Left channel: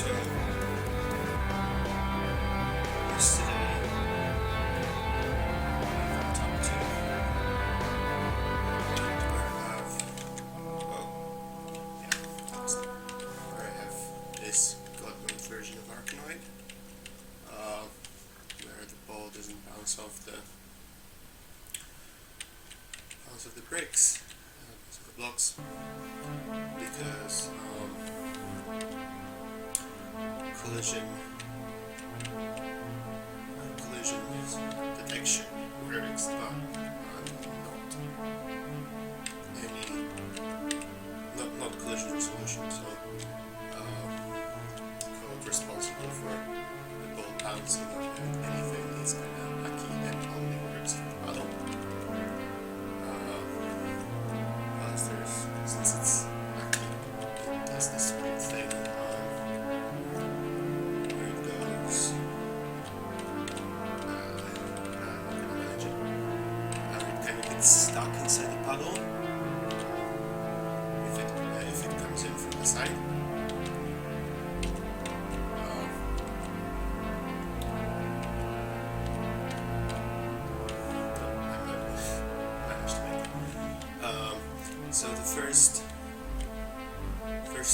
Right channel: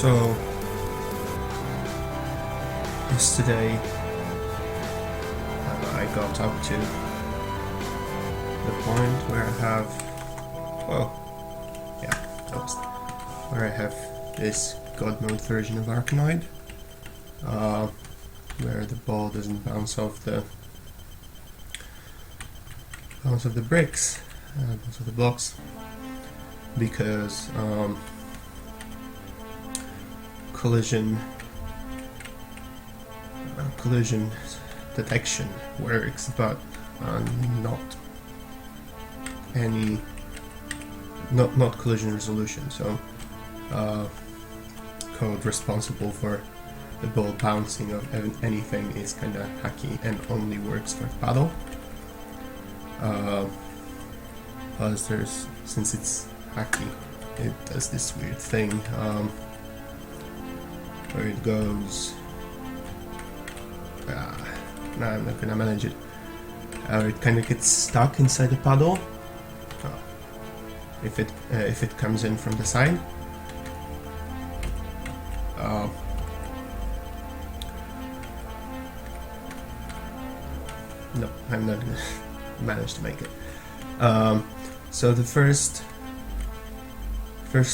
So yesterday I got up to the point where I have, where I have this God mode version of Arkanoid, where the ball doesn't bounce off the bricks, bounce off the blocks, because collision detection works, but not collision resolution. So code responsible for the ball bouncing off anything is kind of hacky and only works for paddle. Since it's hacky, it does this weird thing where it goes. No, I'm not gonna manage it. It kind of gets stuck inside the paddle if it comes in from the side. No, I'm not gonna manage to make it. So the first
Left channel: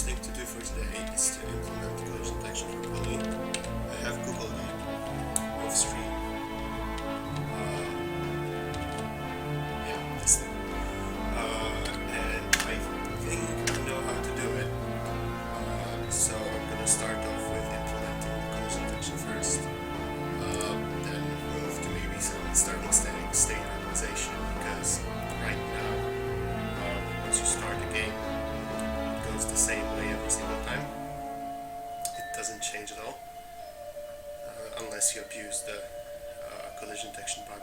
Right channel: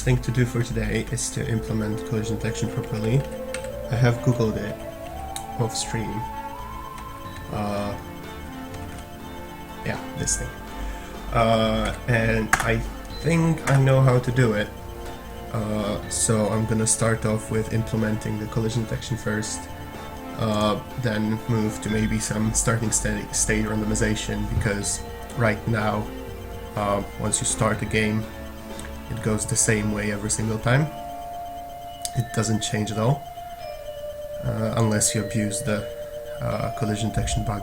thing to do for today is to implement collision detection properly. I have googled it off stream. Yeah, this thing. And I think I know how to do it. So I'm gonna start off with implementing the collision detection first, then move to maybe some starting state randomization, because right now, once you start a game, it goes the same way every single time. It doesn't change at all, unless you abuse the collision detection bug.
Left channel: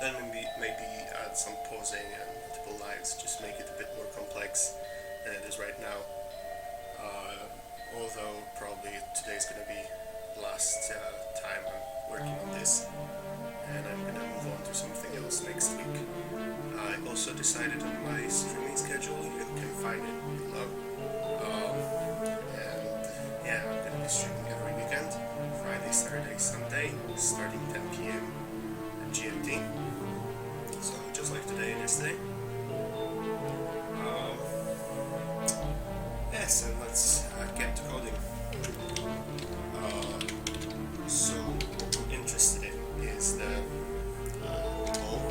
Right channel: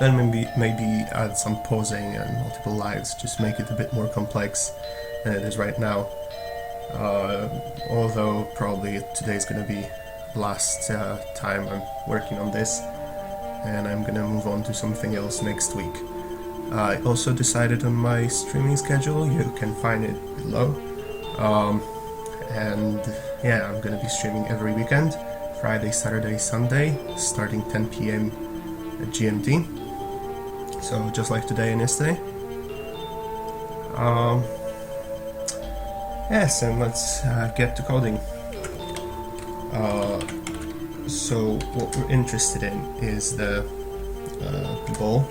Then maybe add some pausing and multiple lives, just make it a bit more complex than it is right now. Although probably today's gonna be last time I'm working on this, and I'm gonna move on to something else next week. I also decided on my streaming schedule. You can find it below. And yeah, I'm gonna be streaming every weekend, Friday, Saturday, Sunday, starting 10 PM at GMT. So just like today and yesterday. Yes, and let's get to coding. So what we're interested in is the ball,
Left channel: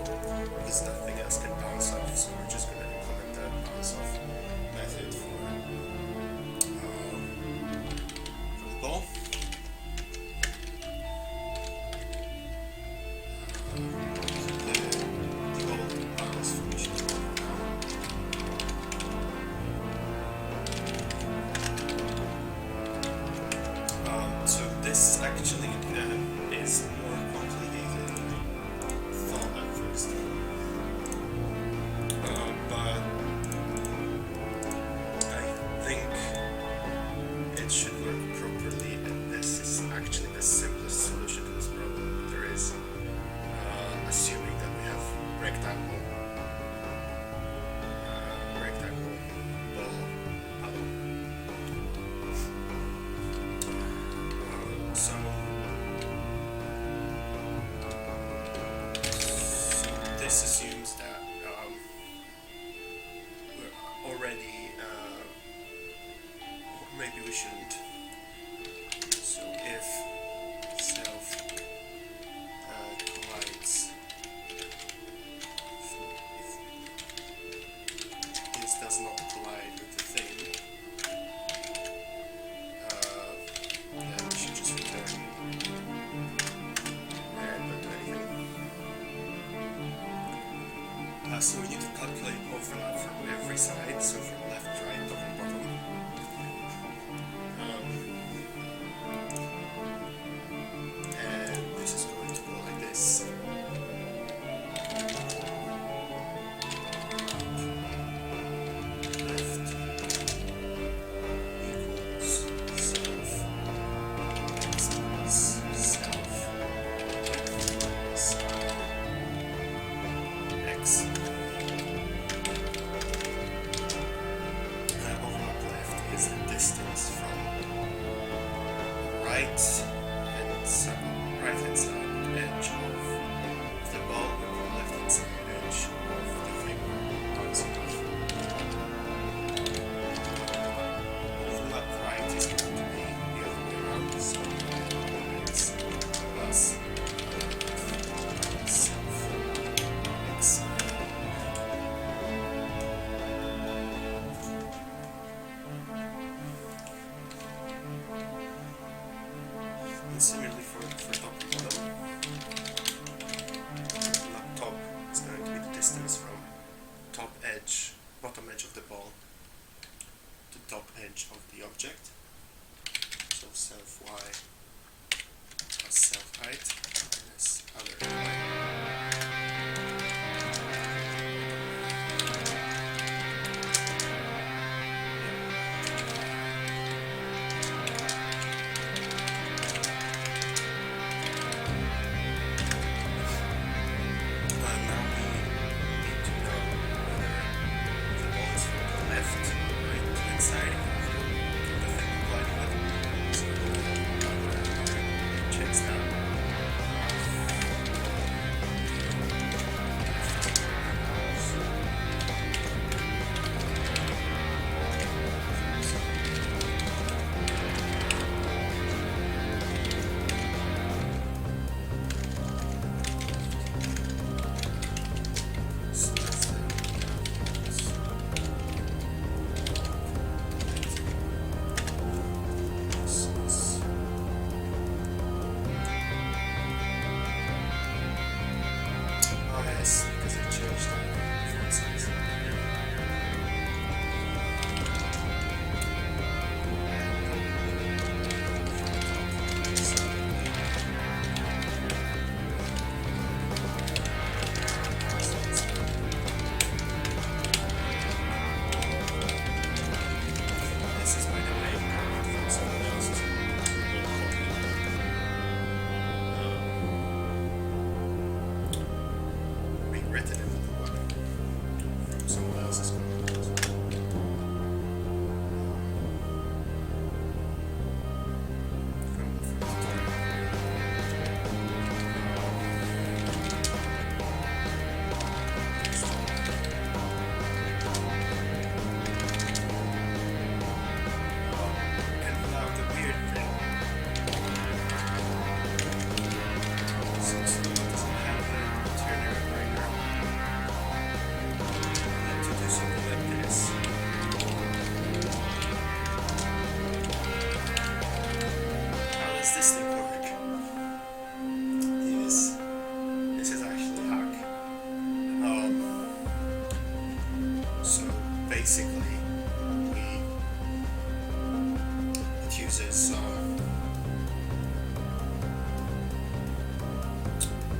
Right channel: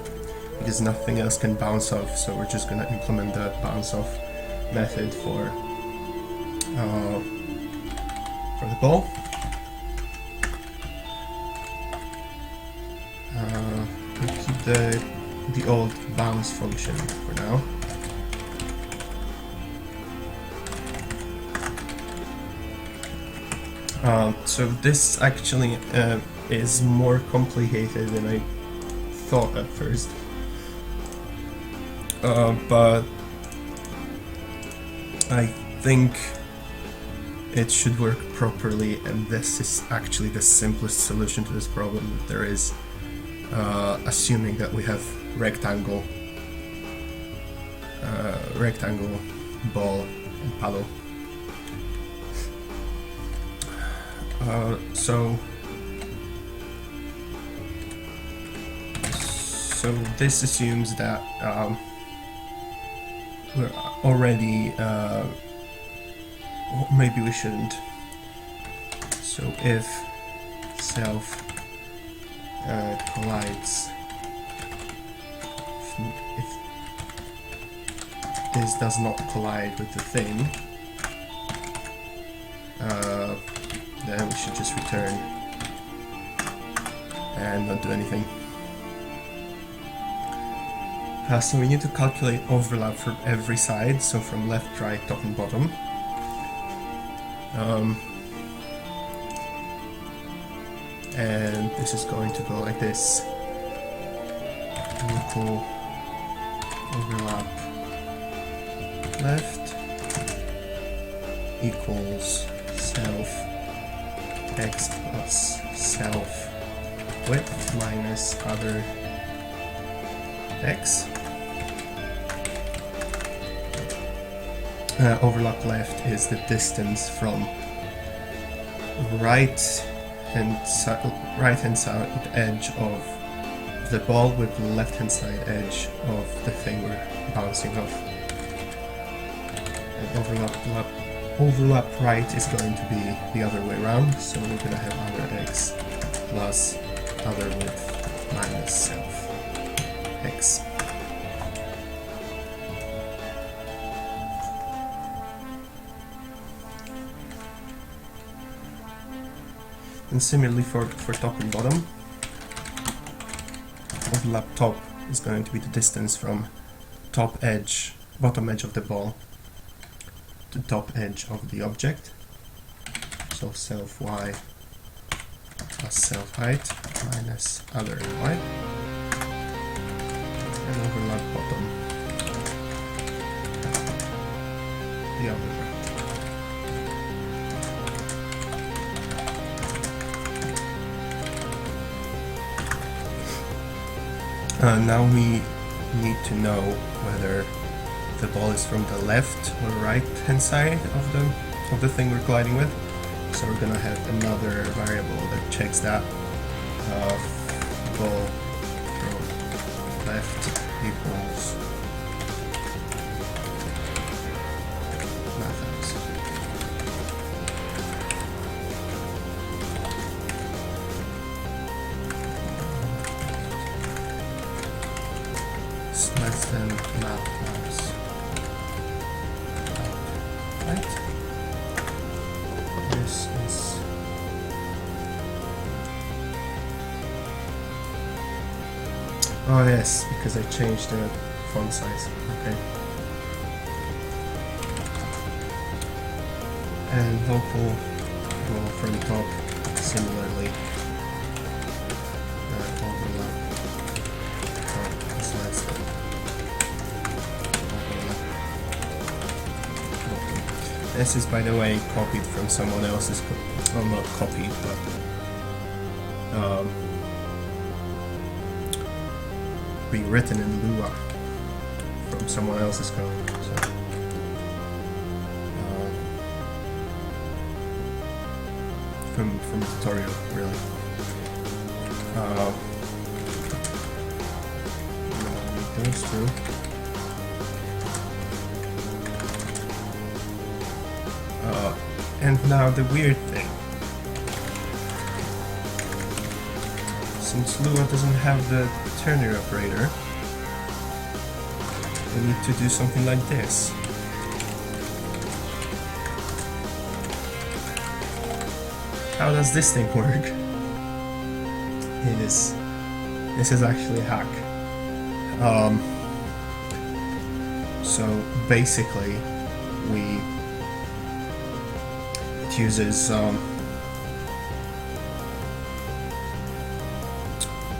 because nothing else can bounce off, so we're just gonna implement the bounce off method for the ball. We'll keep the old bounce function for now. So this actually is more complicated than I thought at first, but I think it should work properly, and this is actually the simplest solution to this problem there is, assuming that we have rectangle ball and paddle. So this assumes that we're already, maybe we shouldn't. So if self collides, if this does not collide with the thing, then we should just return and not do anything. So we need to calculate overlap for every side, so from left, right, top and bottom. And this is going to go like this. Equal overlap left equals self x plus self width minus other x. overlap left is the distance from right hand side edge of the ball with the left hand side edge of the thing we're bouncing off. And overlap right is going to be the other way around, so we're going to have other x plus other width minus self x. And similarly for top and bottom, overlap top is going to be the distance from bottom edge of the ball to top edge of the object. So self y plus self height minus other y. And overlap bottom. The other way. Now we need to know whether the ball is from the left or right hand side of the thing we're colliding with. So we're gonna have another variable that checks that. Ball from left equals less than left times right. This is oh yes, because I changed the font size. Okay. And local ball from top similarly. This is, by the way, copied from someone else's code. Well, not copied, but being written in Lua from someone else's code. So, from the tutorial, really. Those two. And now the weird thing. Since Lua doesn't have the ternary operator, we need to do something like this. How does this thing work? This is actually a hack. So basically,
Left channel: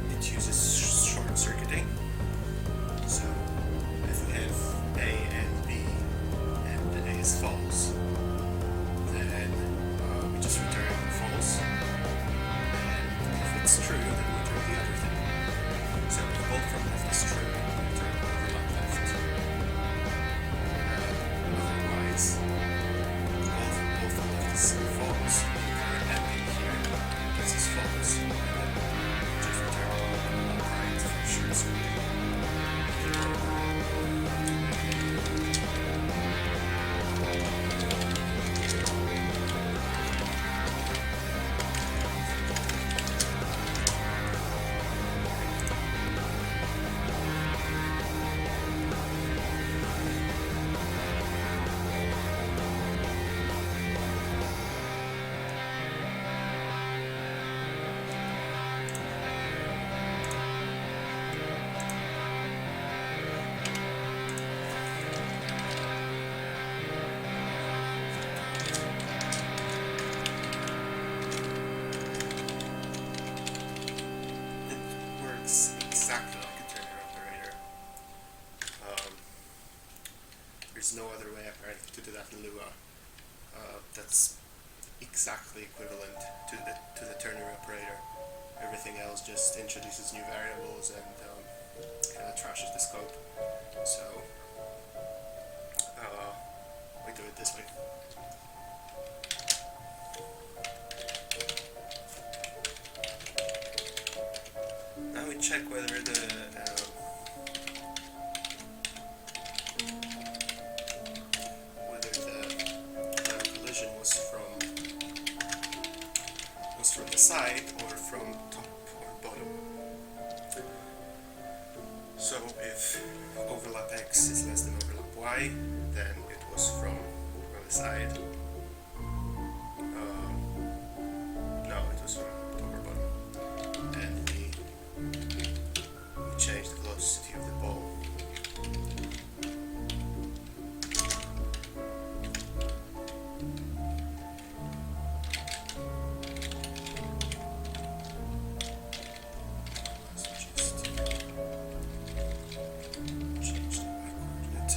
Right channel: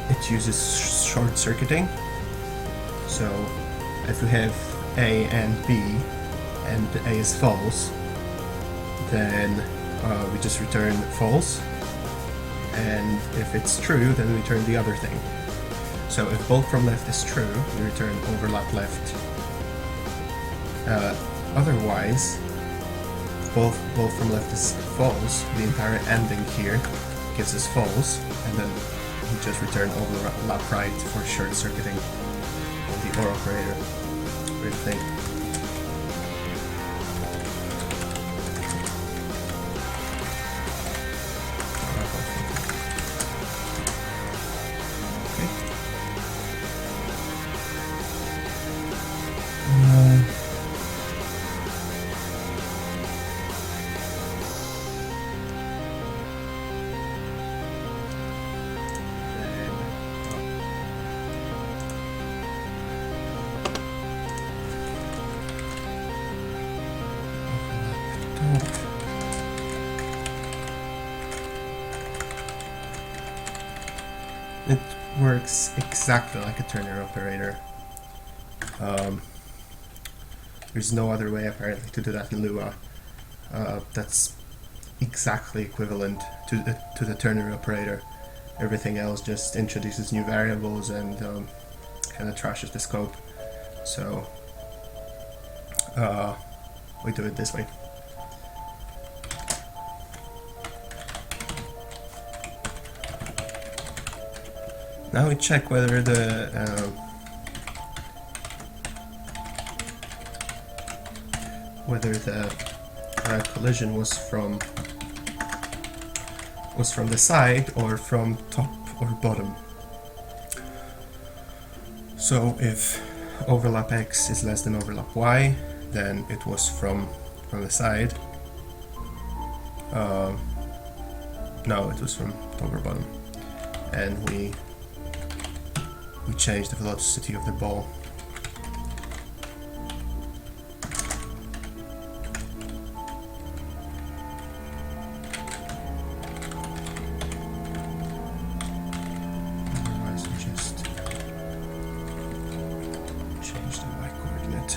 it uses short circuiting. So if we have A and B, and A is false, then we just return false, and if it's true, then we return the other thing. So if both from left is true, we return overlap left. Otherwise, both from left is false, the entire ending here gives us false, and then we just return overlap right for short circuiting the OR operator. Weird thing. It works exactly like a ternary operator. There's no other way apparently to do that in Lua. That's exactly equivalent to the ternary operator. Everything else just introduces new variables and kind of trashes the scope. So we do it this way. Now we check whether the collision was from the side or from top or bottom. So if overlap X is less than overlap Y, then it was from the side. No, it was from top or bottom. And we change the velocity of the ball. Otherwise we just change the Y coordinate.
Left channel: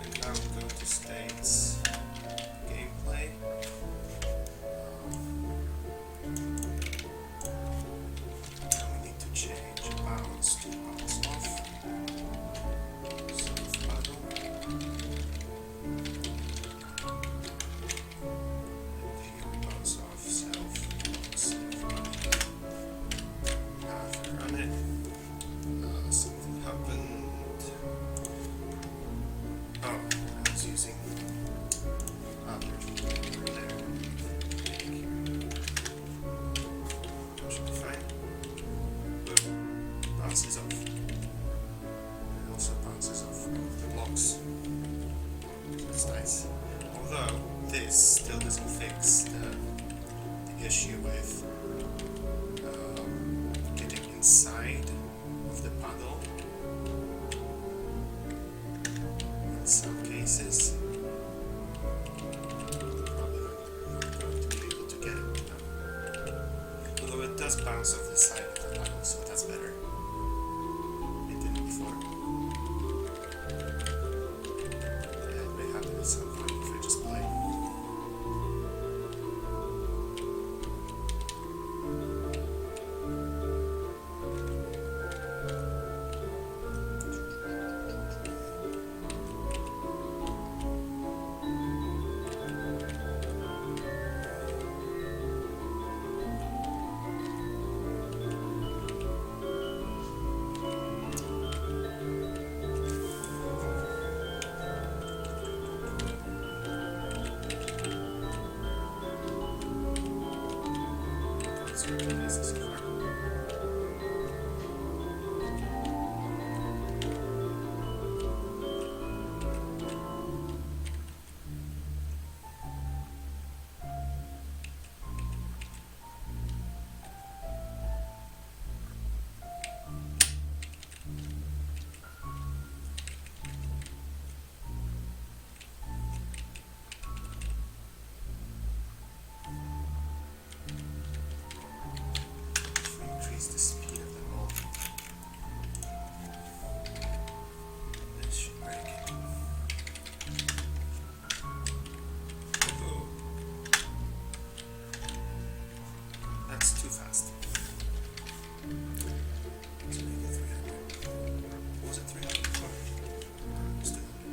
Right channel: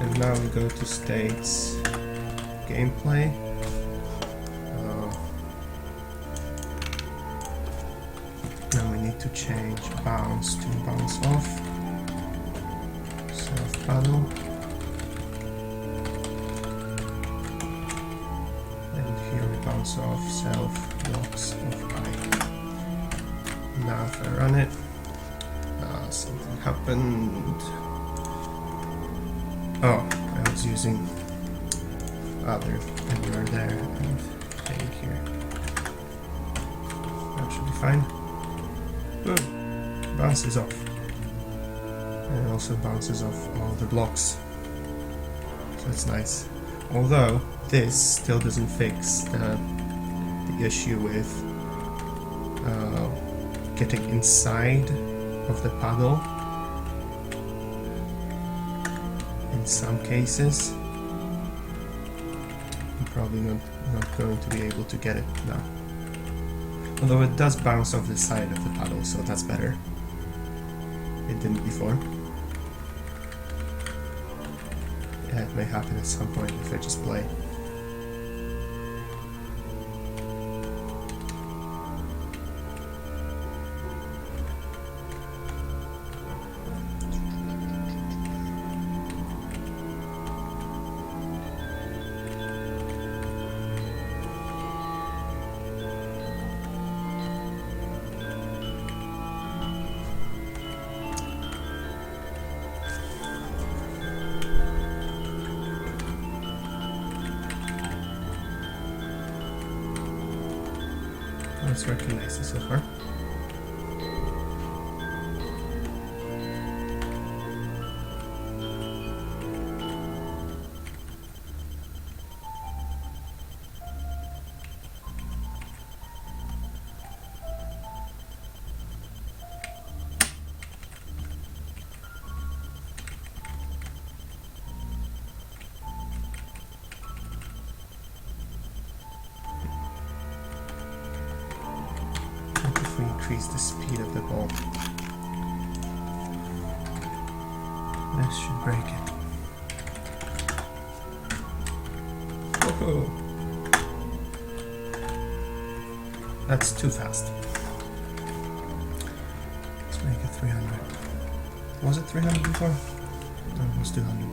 And now we go to states, gameplay. To change bounce to bounce off, self paddle, and here we bounce off self blocks of I. Now if I run it, something happened. Oh, I was using other anywhere there and thing here. That should be fine. Good. Bounces off. And it also bounces off all the blocks. So that's nice. Although this still doesn't fix the issue with getting inside of the paddle. In some cases. I'm probably not going to be able to get it now. Although it does bounce off the side of the paddle, so that's better. It didn't before. Yeah, it may happen at some point if I just play. It's working nicely so far. Increase the speed of the ball. This should break it. Whoa. That's too fast. Let's make it 300. Was it 300 before? No, it was 200.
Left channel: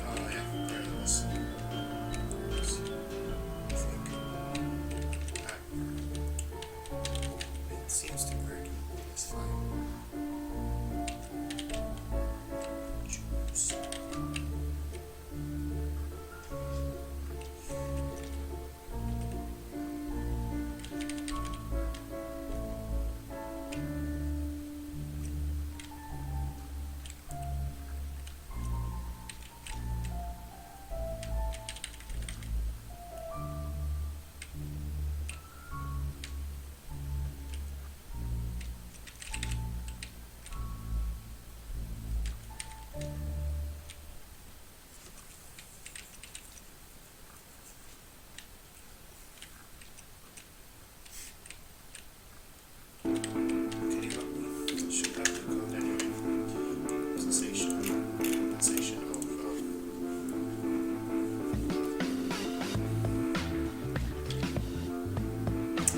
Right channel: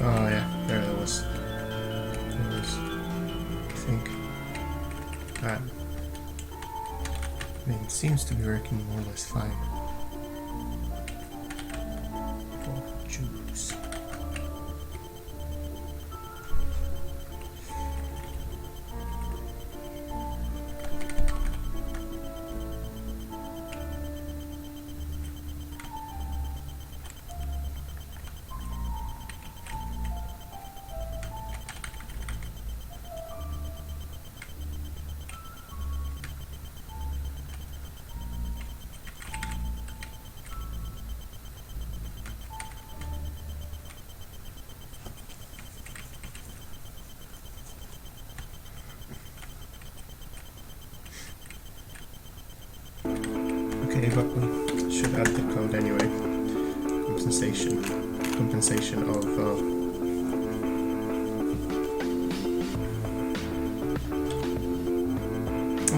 Oh yeah, there it was. I think. That. I mean, it seems to be working more or less fine. Oh, juice. compensation of oh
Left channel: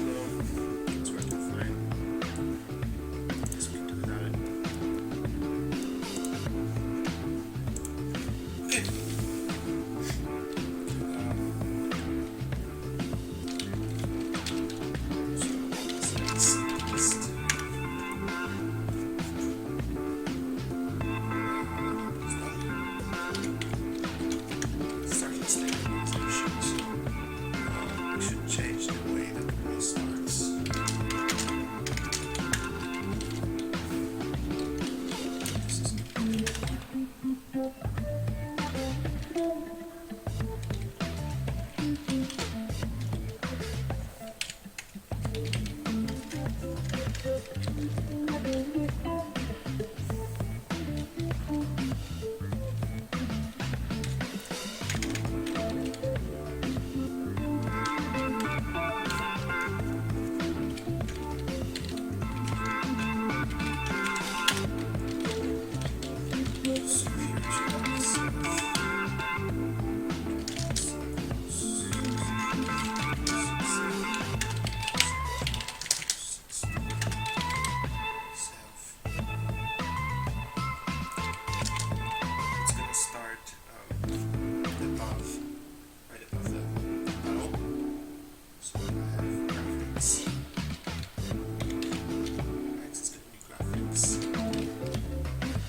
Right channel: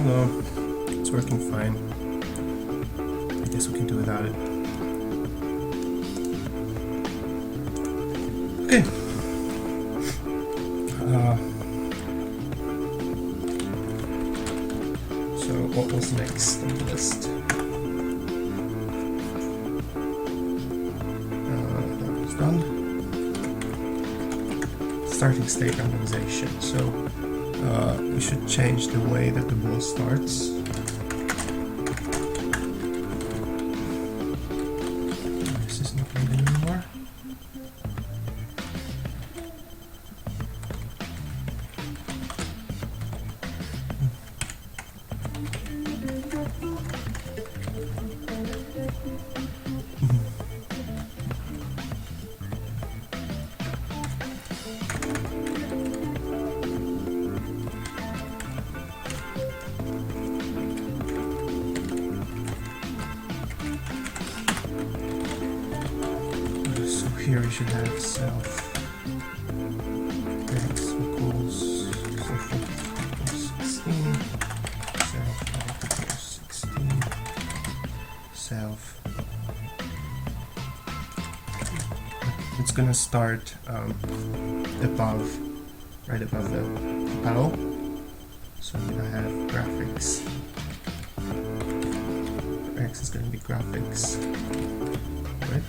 no, it's working fine. I guess we can do without it. Okay. So what was next on the list? That was done. Starting state randomization. So we should change the way that the ball starts. This is not good anymore. Here we should have self x equals 16, self. It's gonna start right above the paddle. So we're gonna have graphics. X is gonna be graphics. Right?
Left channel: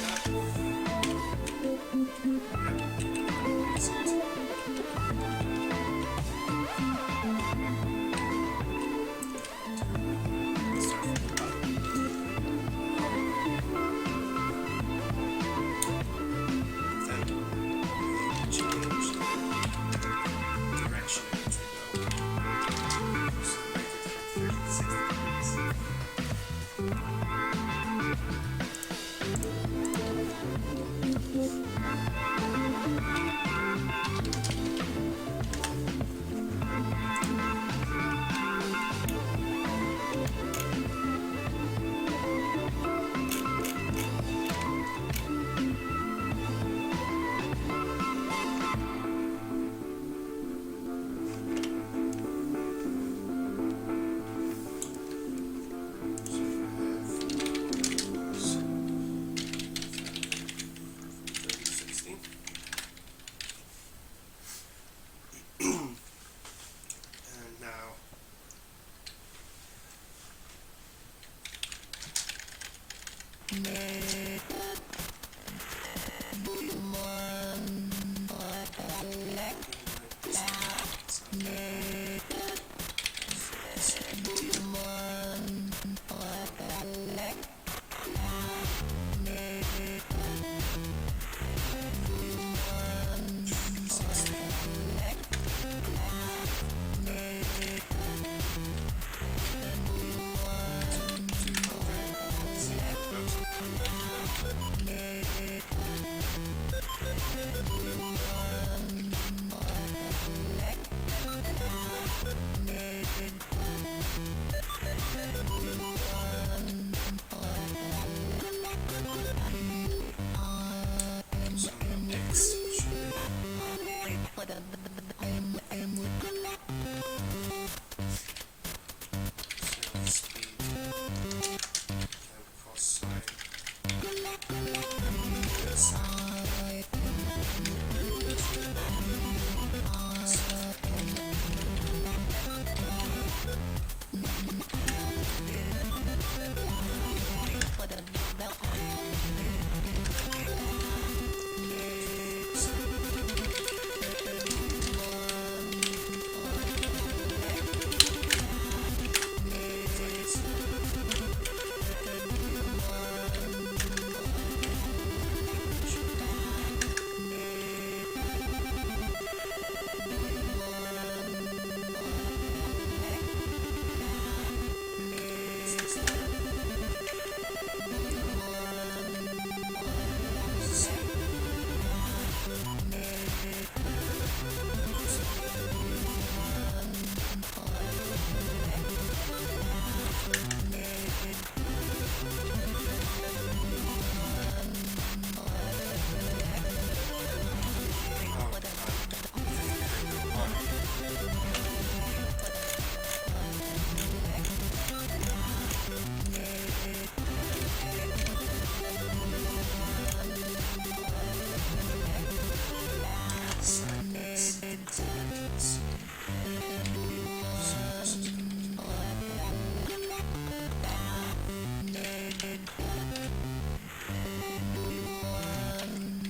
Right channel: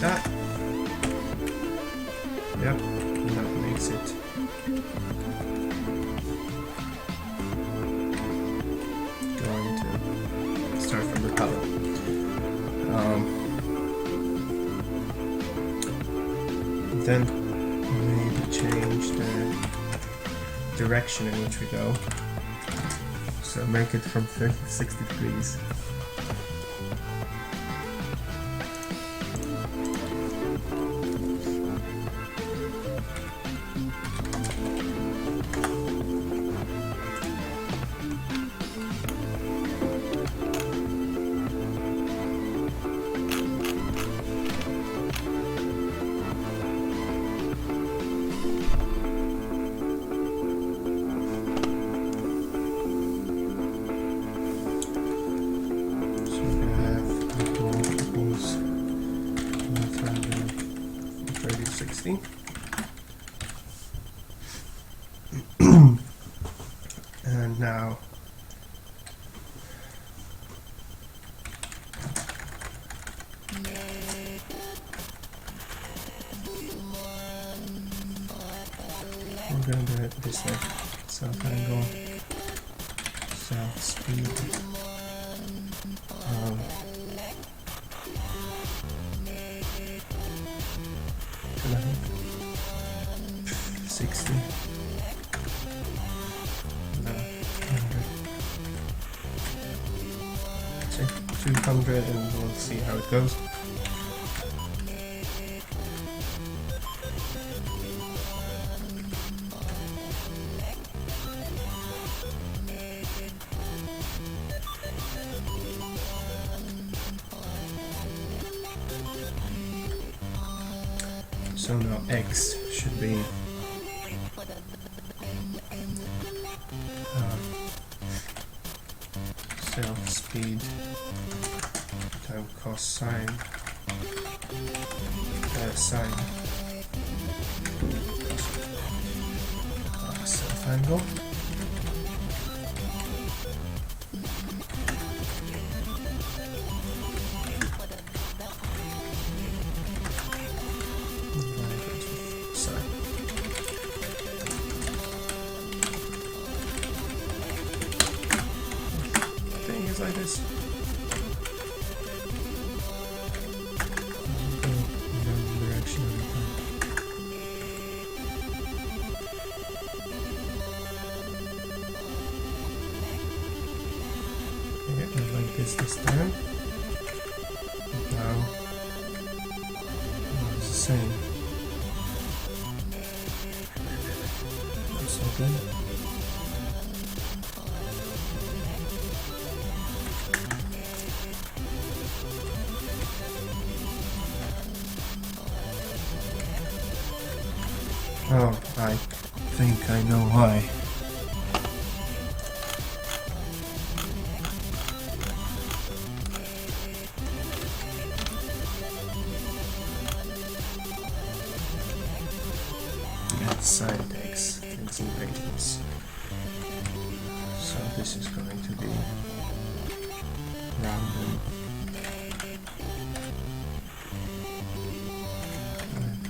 That. Yep, that makes it. Going to start from the paddle. Then we need to change the direction in which we go. So make it from 56 degrees. And now we're going to do it this way. Self angle, self speed, 60. 200 and we'll see how it goes. So now X should be self-speed time cost sine sine self-angle. This time. Now it's the same. Oh, I think I know why. Sine x things in radians. So this is going to be random.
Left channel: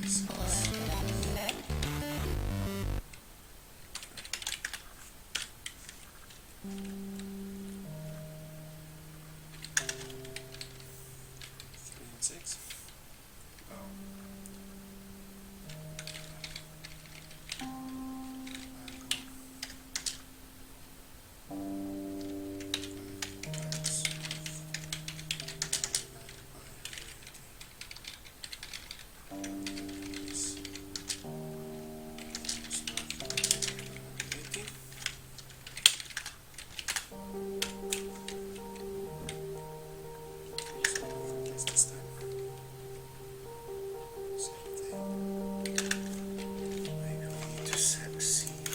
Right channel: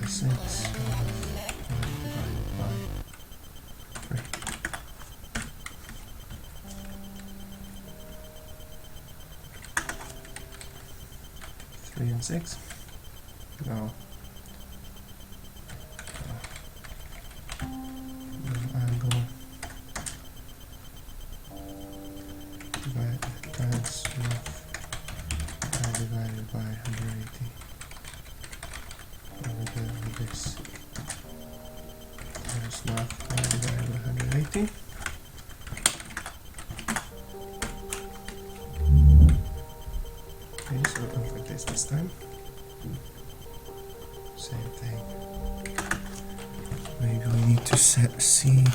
This is divided by 3. 3 and 6. No. This time, same thing. Maybe we need to set a seed.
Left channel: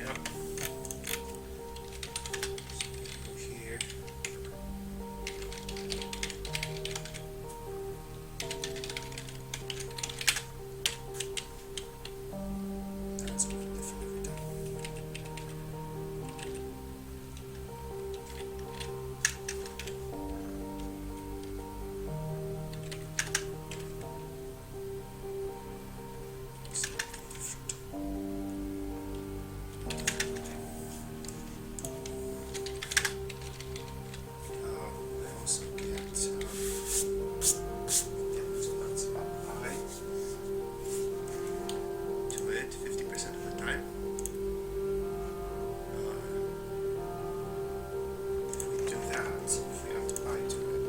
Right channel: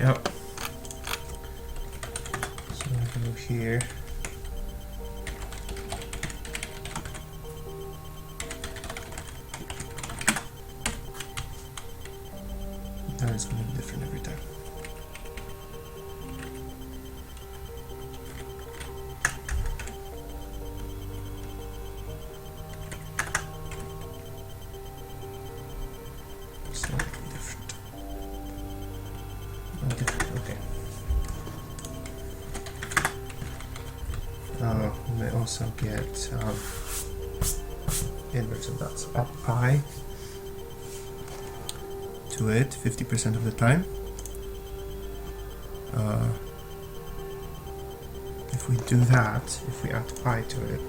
Yep. So we go here. It's going to be different every time. Slightly different. Oh, different, okay. We also get inverse of that's up I to it 50% of the time. If we do that, if we add pi to it,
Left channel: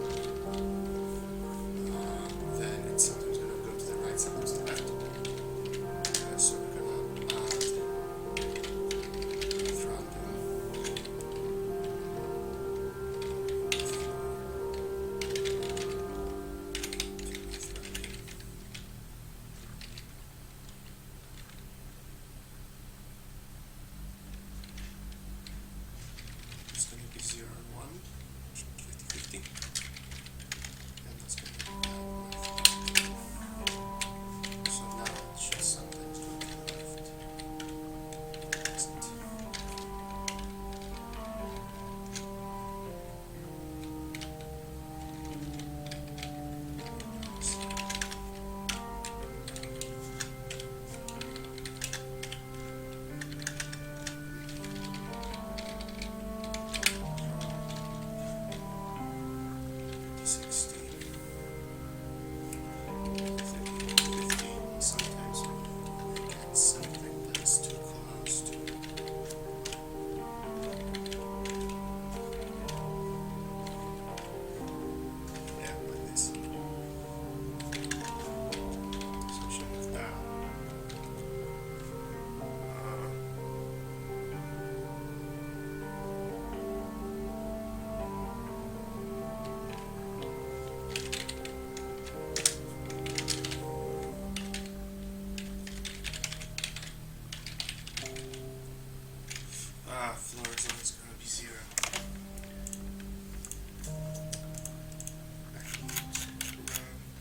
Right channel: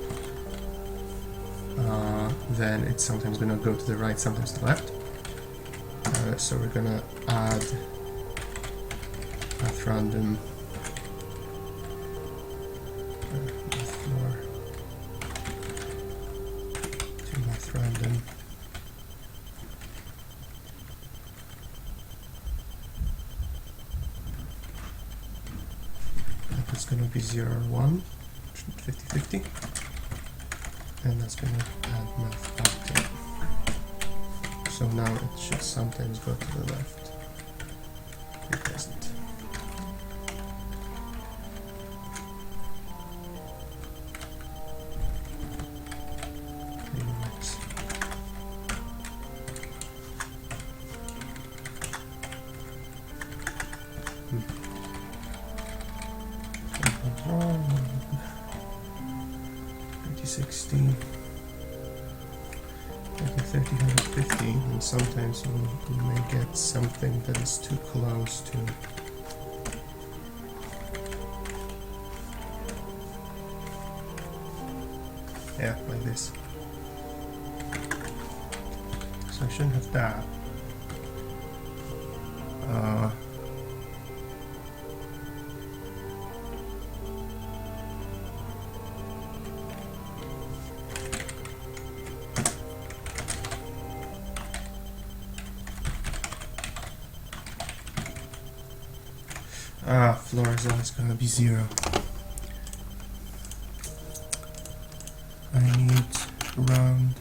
then it's sometimes going to go to the right, sometimes to the left. So we're going to add math random to math random. It's going to be 0 and 1, 50-50, and that's going to add math back to it. So now it should sometimes go to the left. It doesn't. And sometimes you may get something that is too close to like this. So I shouldn't have that. Floor is always gonna be 0. I need round.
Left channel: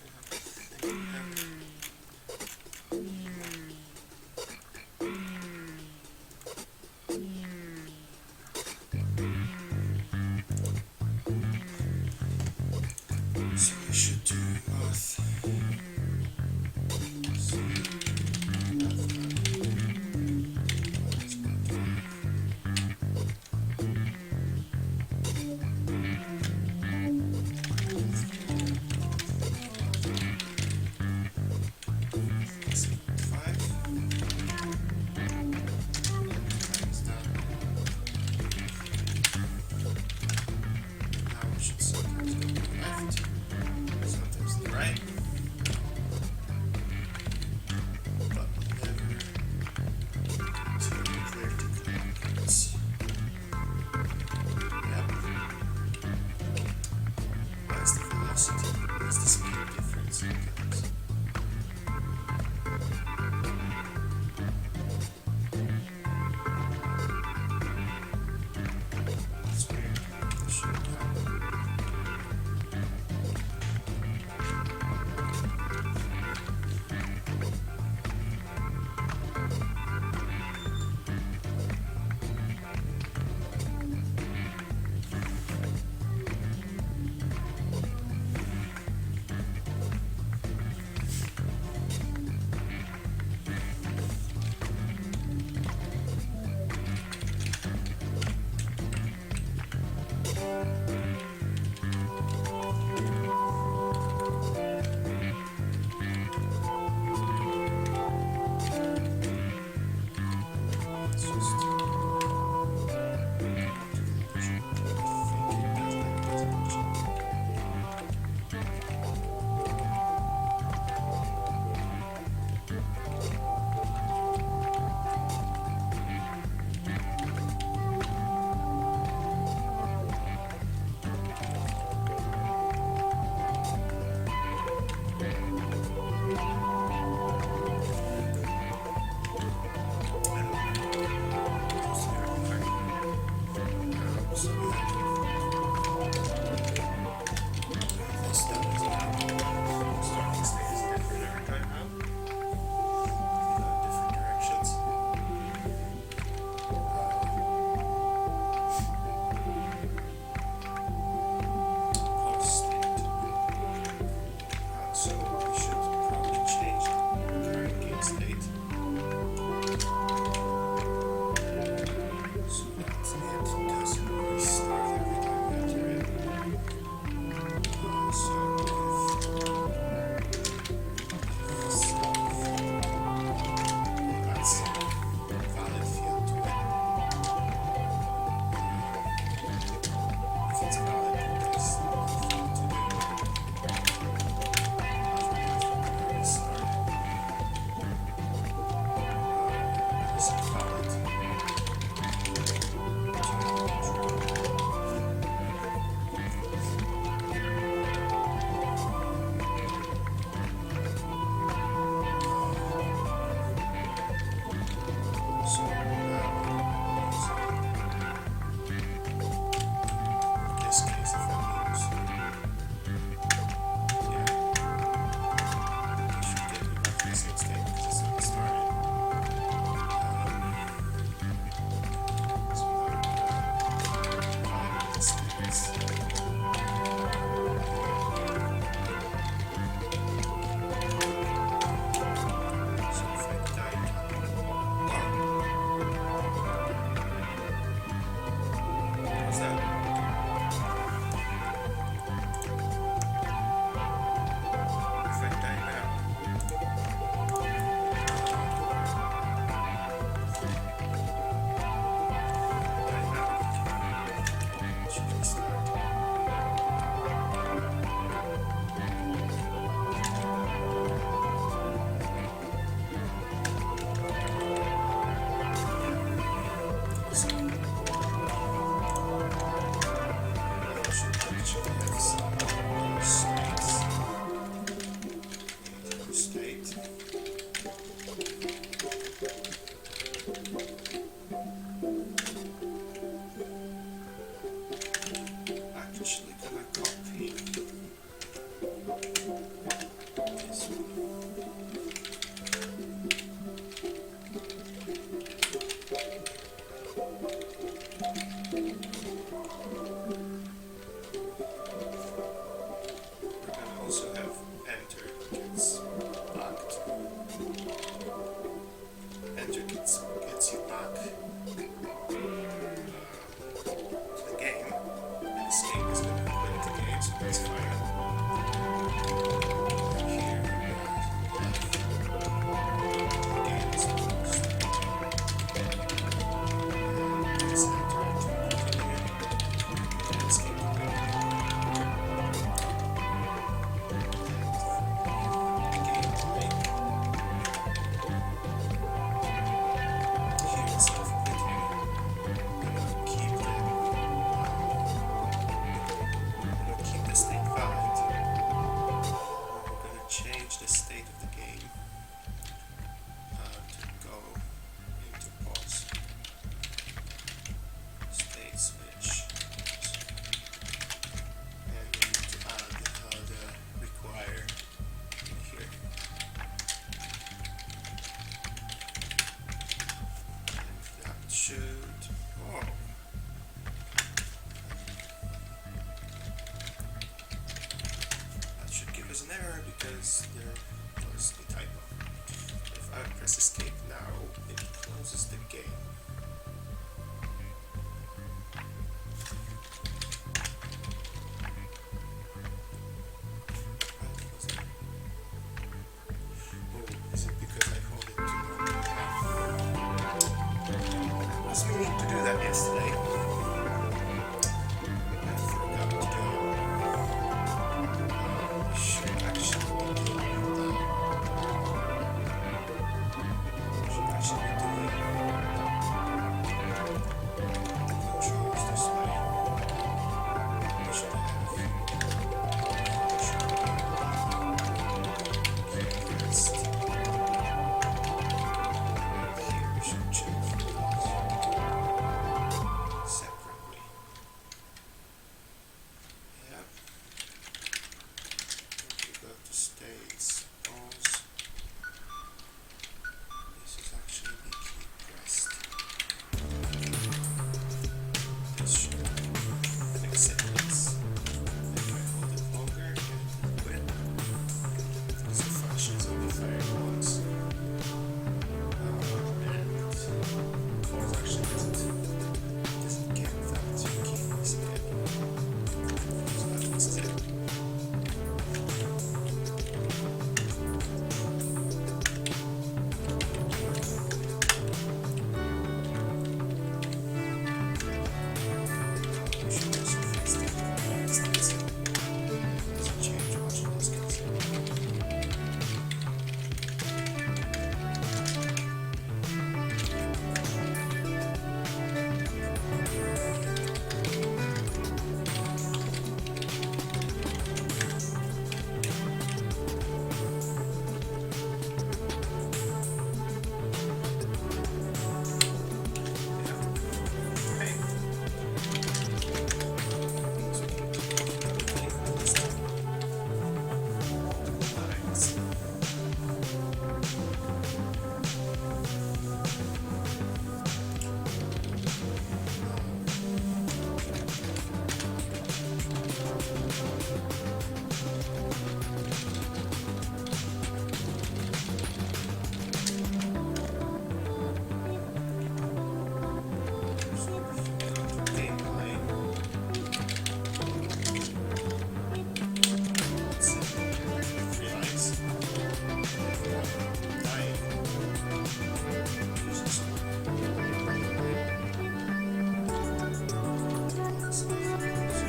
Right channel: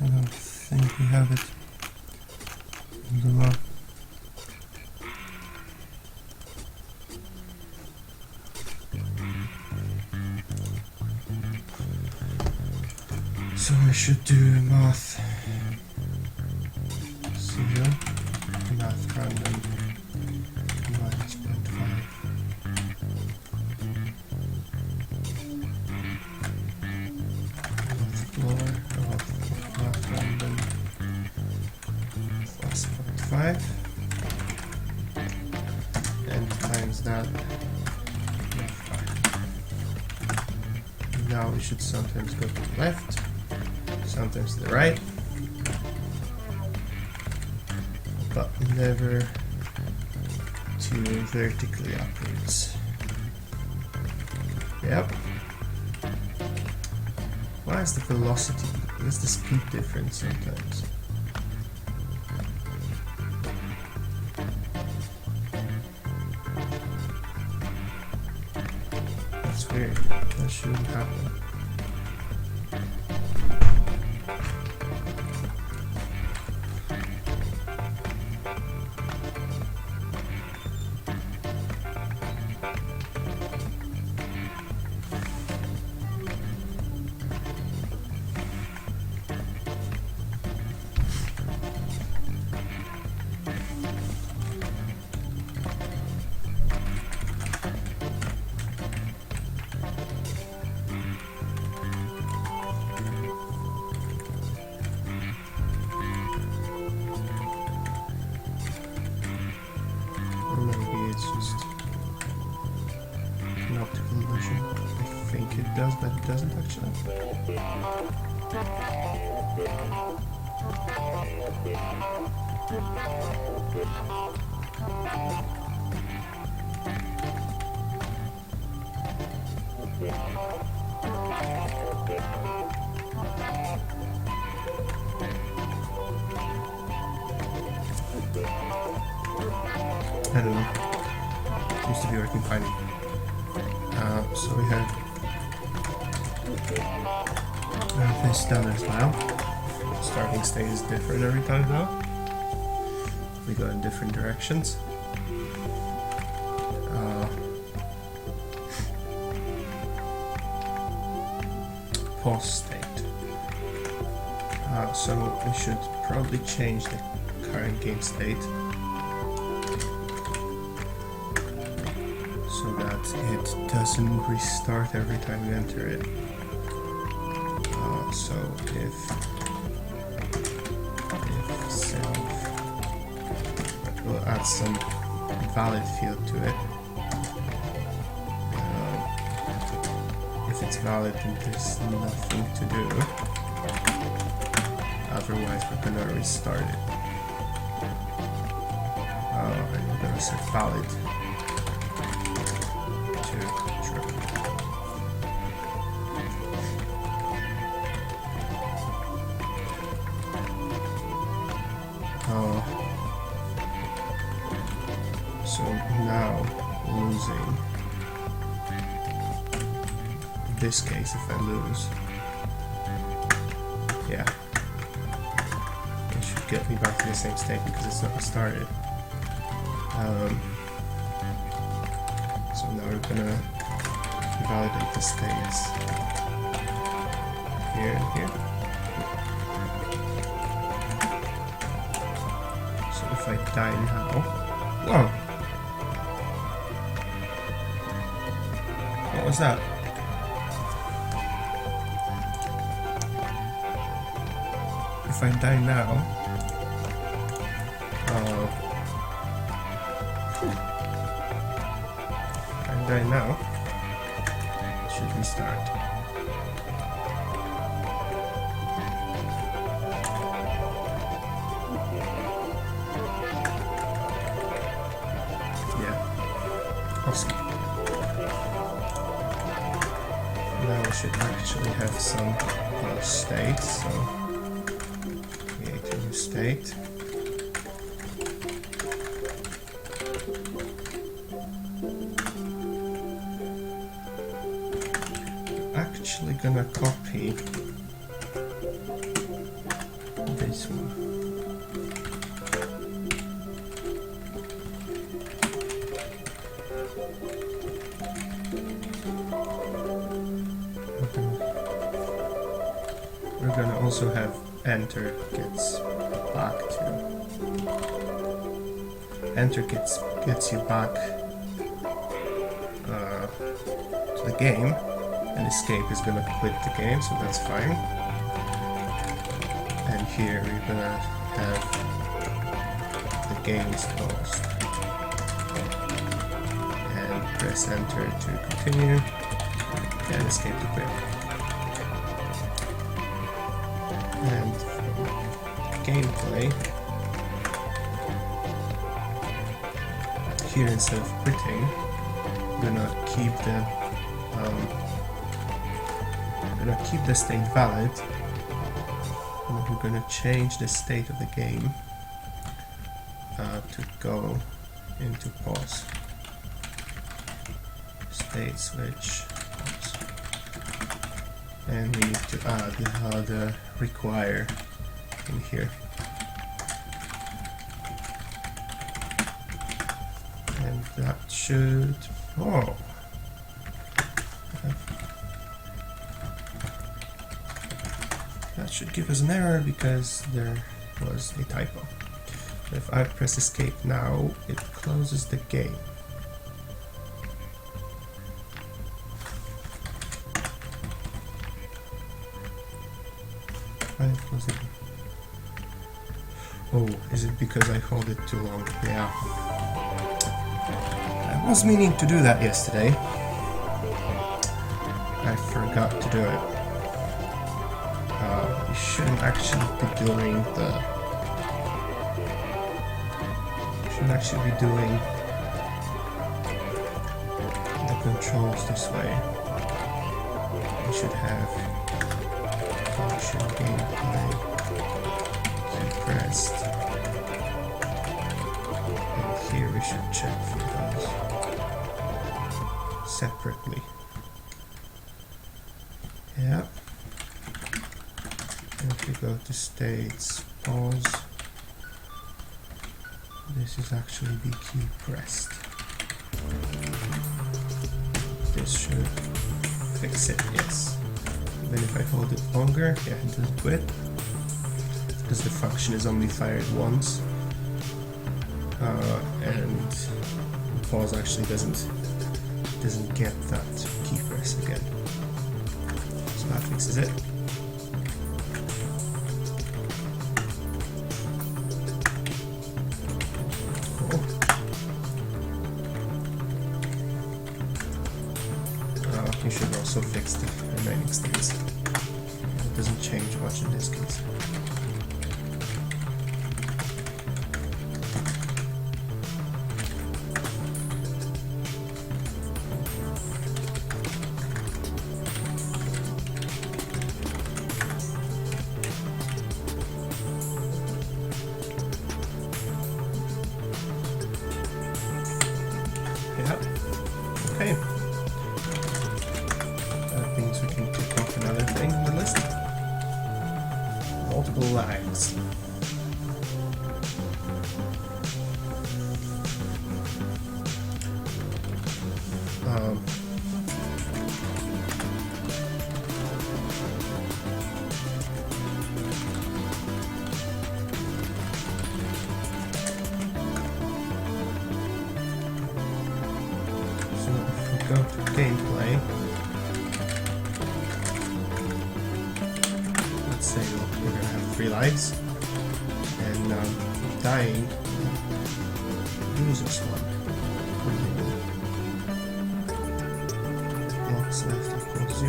I don't think we have it anymore. So I should do math 0, math random minus 0.5. Plus 0.5 and times that. Now we should sometimes go to the left, sometimes to the right, but never to vertically upwards. Yep. Why is the velocity? What is the speed difference sometimes? That's weird. That shouldn't happen. I don't know. Seems to be working fine. So we have this done as well. Starting state is different every time now. We go in different directions. Pause state. So we should probably change the current gate state so that it doesn't restart every time you enter it. So if self, we'll add some valid field to it. If it's valid, then there's nothing to do. Otherwise, we're gonna restart it. And we're gonna set valid. So now losing. In this case, if I lose, yeah, it should get me back to the same state because it's not started. So now we're gonna validate the states here and here. So if I die now, whoa. What was that? If I die now, it should restart. so. Now we should actually have some states, so create a new state. Actually gonna copy this one. We're gonna also have enter gets back to enter gets you back to the game, and escape is gonna quit the game, so that's fine. And here we're gonna have the game is closed, and press enter to continue, and escape to quit. And gameplay, here instead of quitting, we're gonna keep the state valid, but we're gonna change the state of the game to go into pause. State switch pause. And we need to add the require in here. And that should, that should give us an error because there was a typo. So if I press escape now, it closes the game. Oh, is it because I hold it too long? Yeah. I was meaning to do that yesterday. I forgot to do it. We shouldn't actually be doing the... controls this way. We should have function gameplay pressed. And here we should check for those separately. Yeah. And if we go to states, pause, this is actually the key pressed. This should fix it, yes. Then if I hold it longer, yeah, it doesn't quit, because the function is only fired once. And pause actually doesn't get that key press again. So that fixes it. You should also fix the United States. It doesn't change much in this case. Lights and dying uses one. X left equals 0.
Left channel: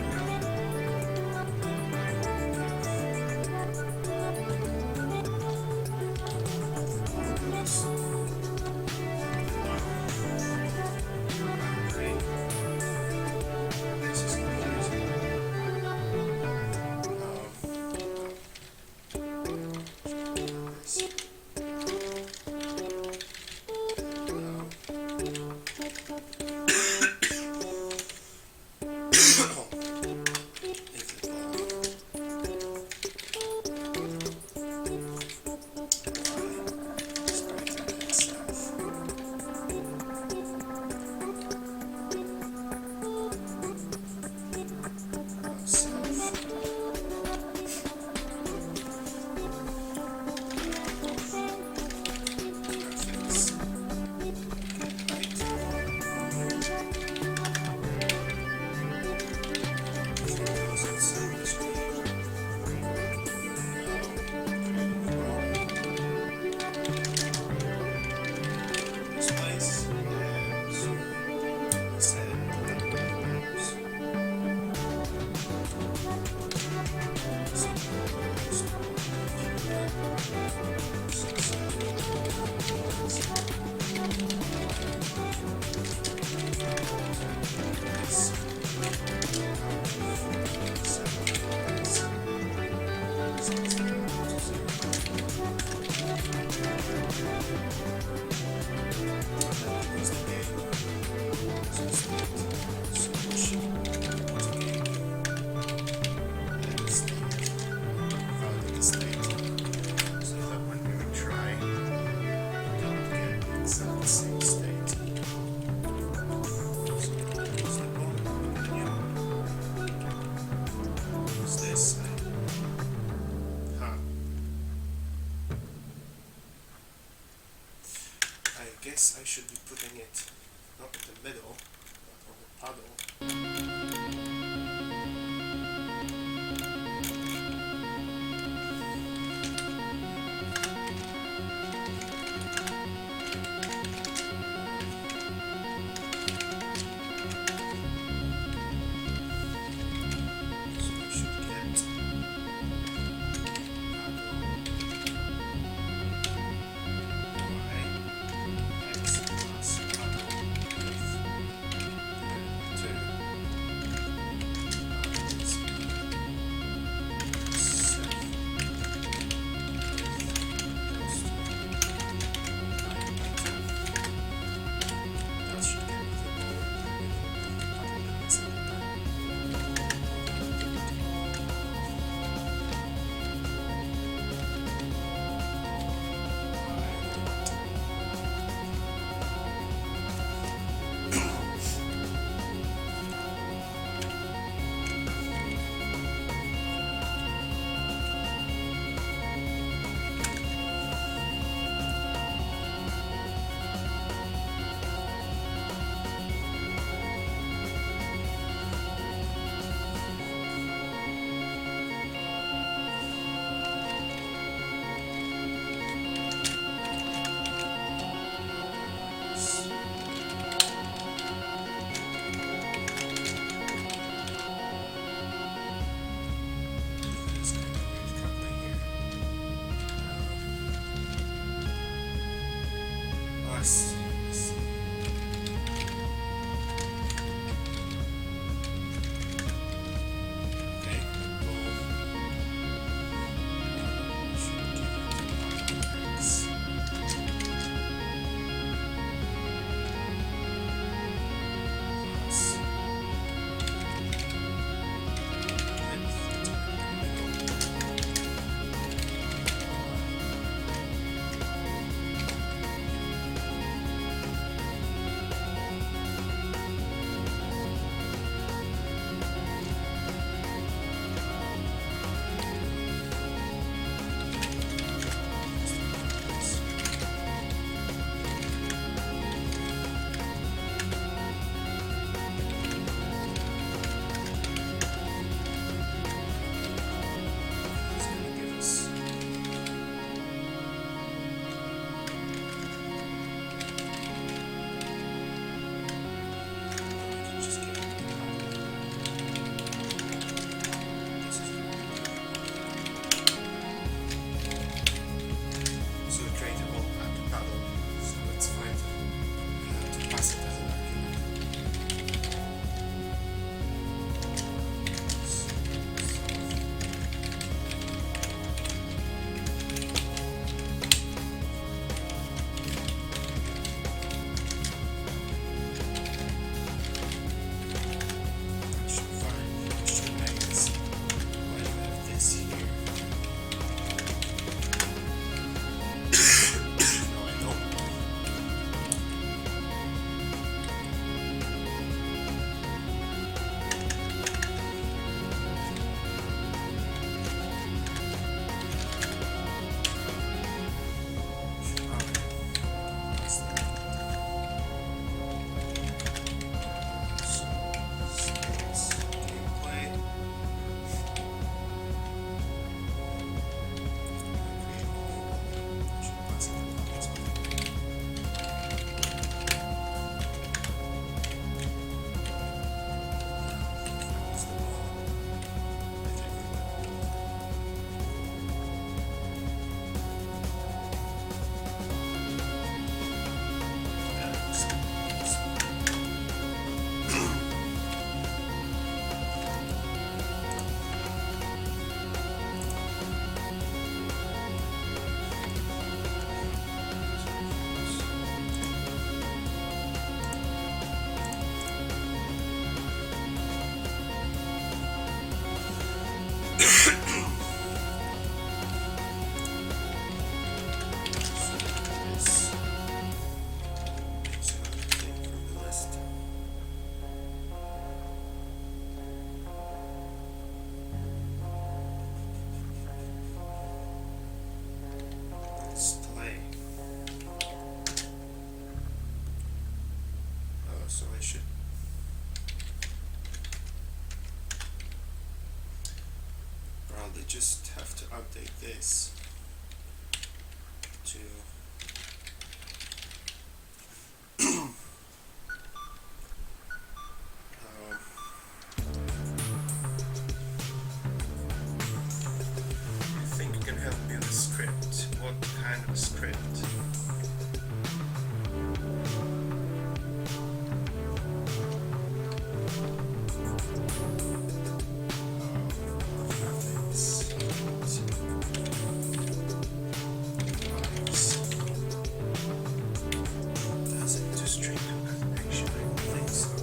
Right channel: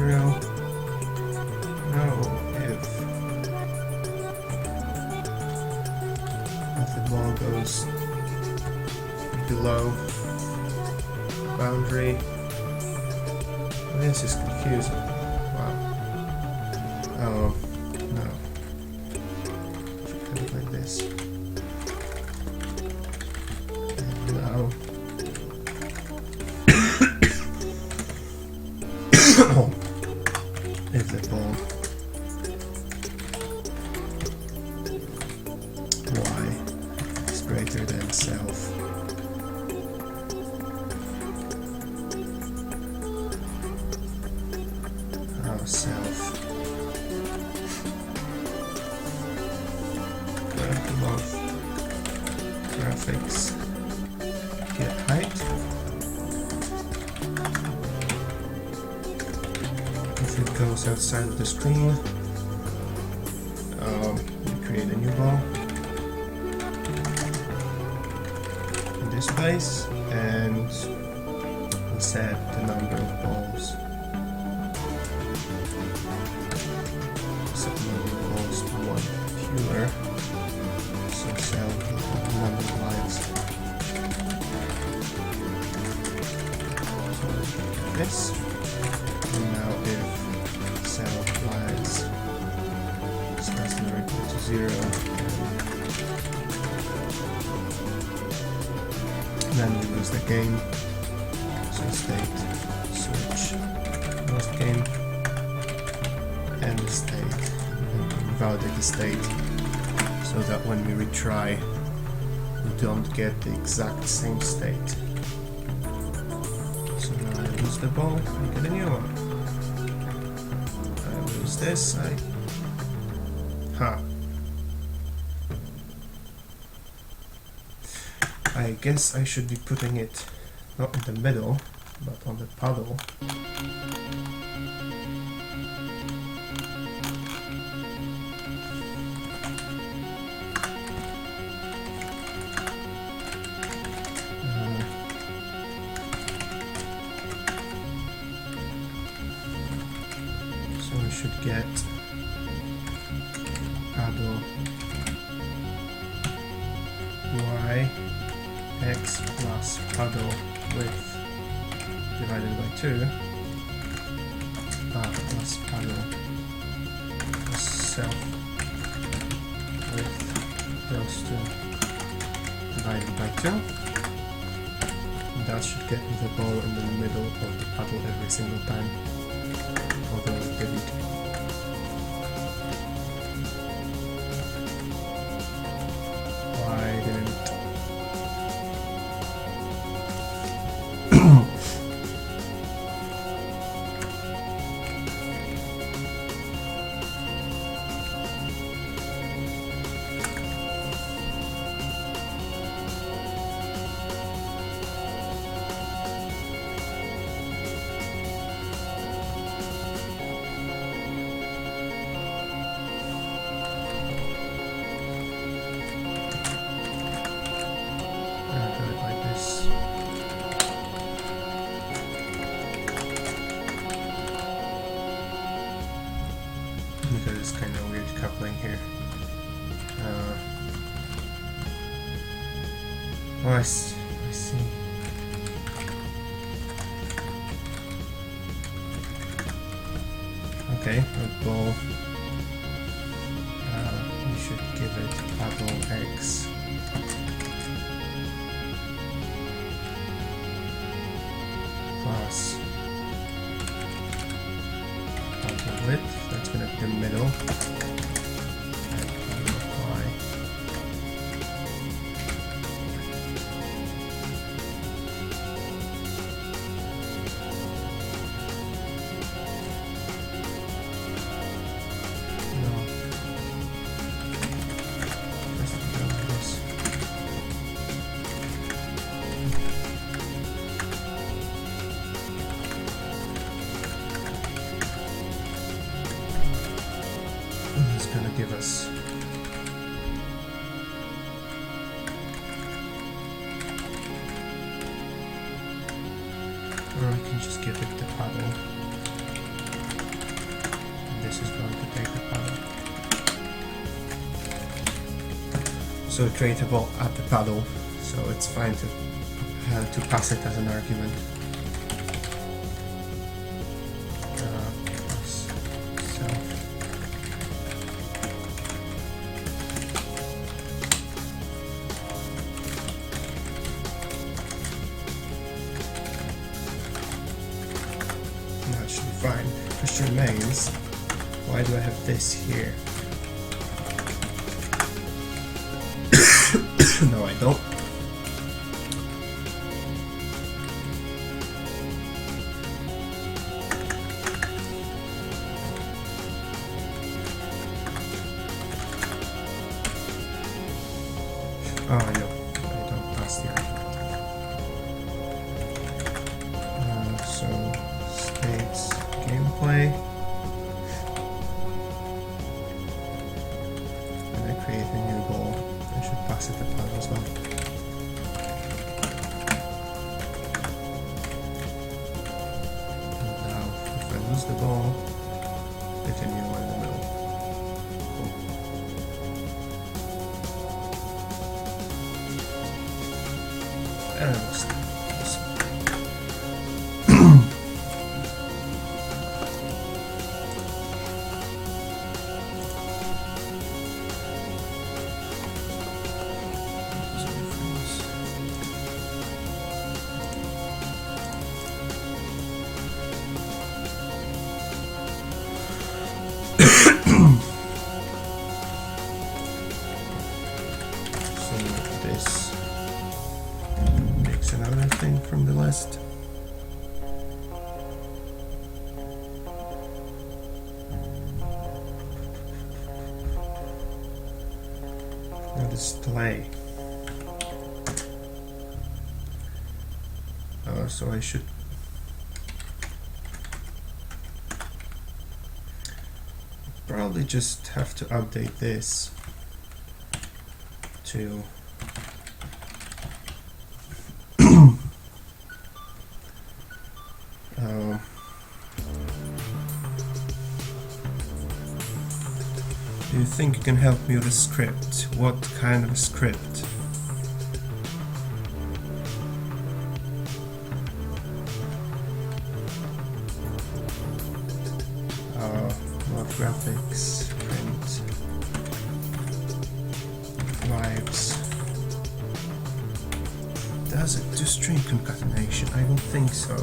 Now if the ball goes below boundary, This is confusing. Oh, no. Kind of like this. And now. Oh. If the ball. Y is greater than self. Self. Love graphics. Get height. If it goes outside of the screen, we create a new ball in this place and set the number of balls. This now if self lines equal to 0, then we lose the game. So state switch lose the game and the state, validate the state so that when we retry we don't get the exact same state. The ball and get a new one. I'll use this. I guess I should be putting it not in the middle, but on the puddle. Should get paddle y x plus paddle width divided by 2 plus paddle self width goes to divided by 2. That should get the ball in the middle of the paddle every single time. Although it didn't. Oh, I see. Okay, the ball. We should give it paddle X. Plus paddle width. That's gonna be the middle. So creatable at the paddle, so it's fine to pass it as an argument. fine. Question remains, why do I have this here? No, I don't. Oh, I know. I don't pass there. So, states gameplay. And I create a new ball. I should pass it upon as well. Now, if I lose the ball, get a new one in the middle. And it looks awesome. So this makes another thing from the list. And display. So I should probably just have to update this to do you think you can help me with a script? What kind of a script? Graphics, lives. Does it do string concatenation? I don't think so.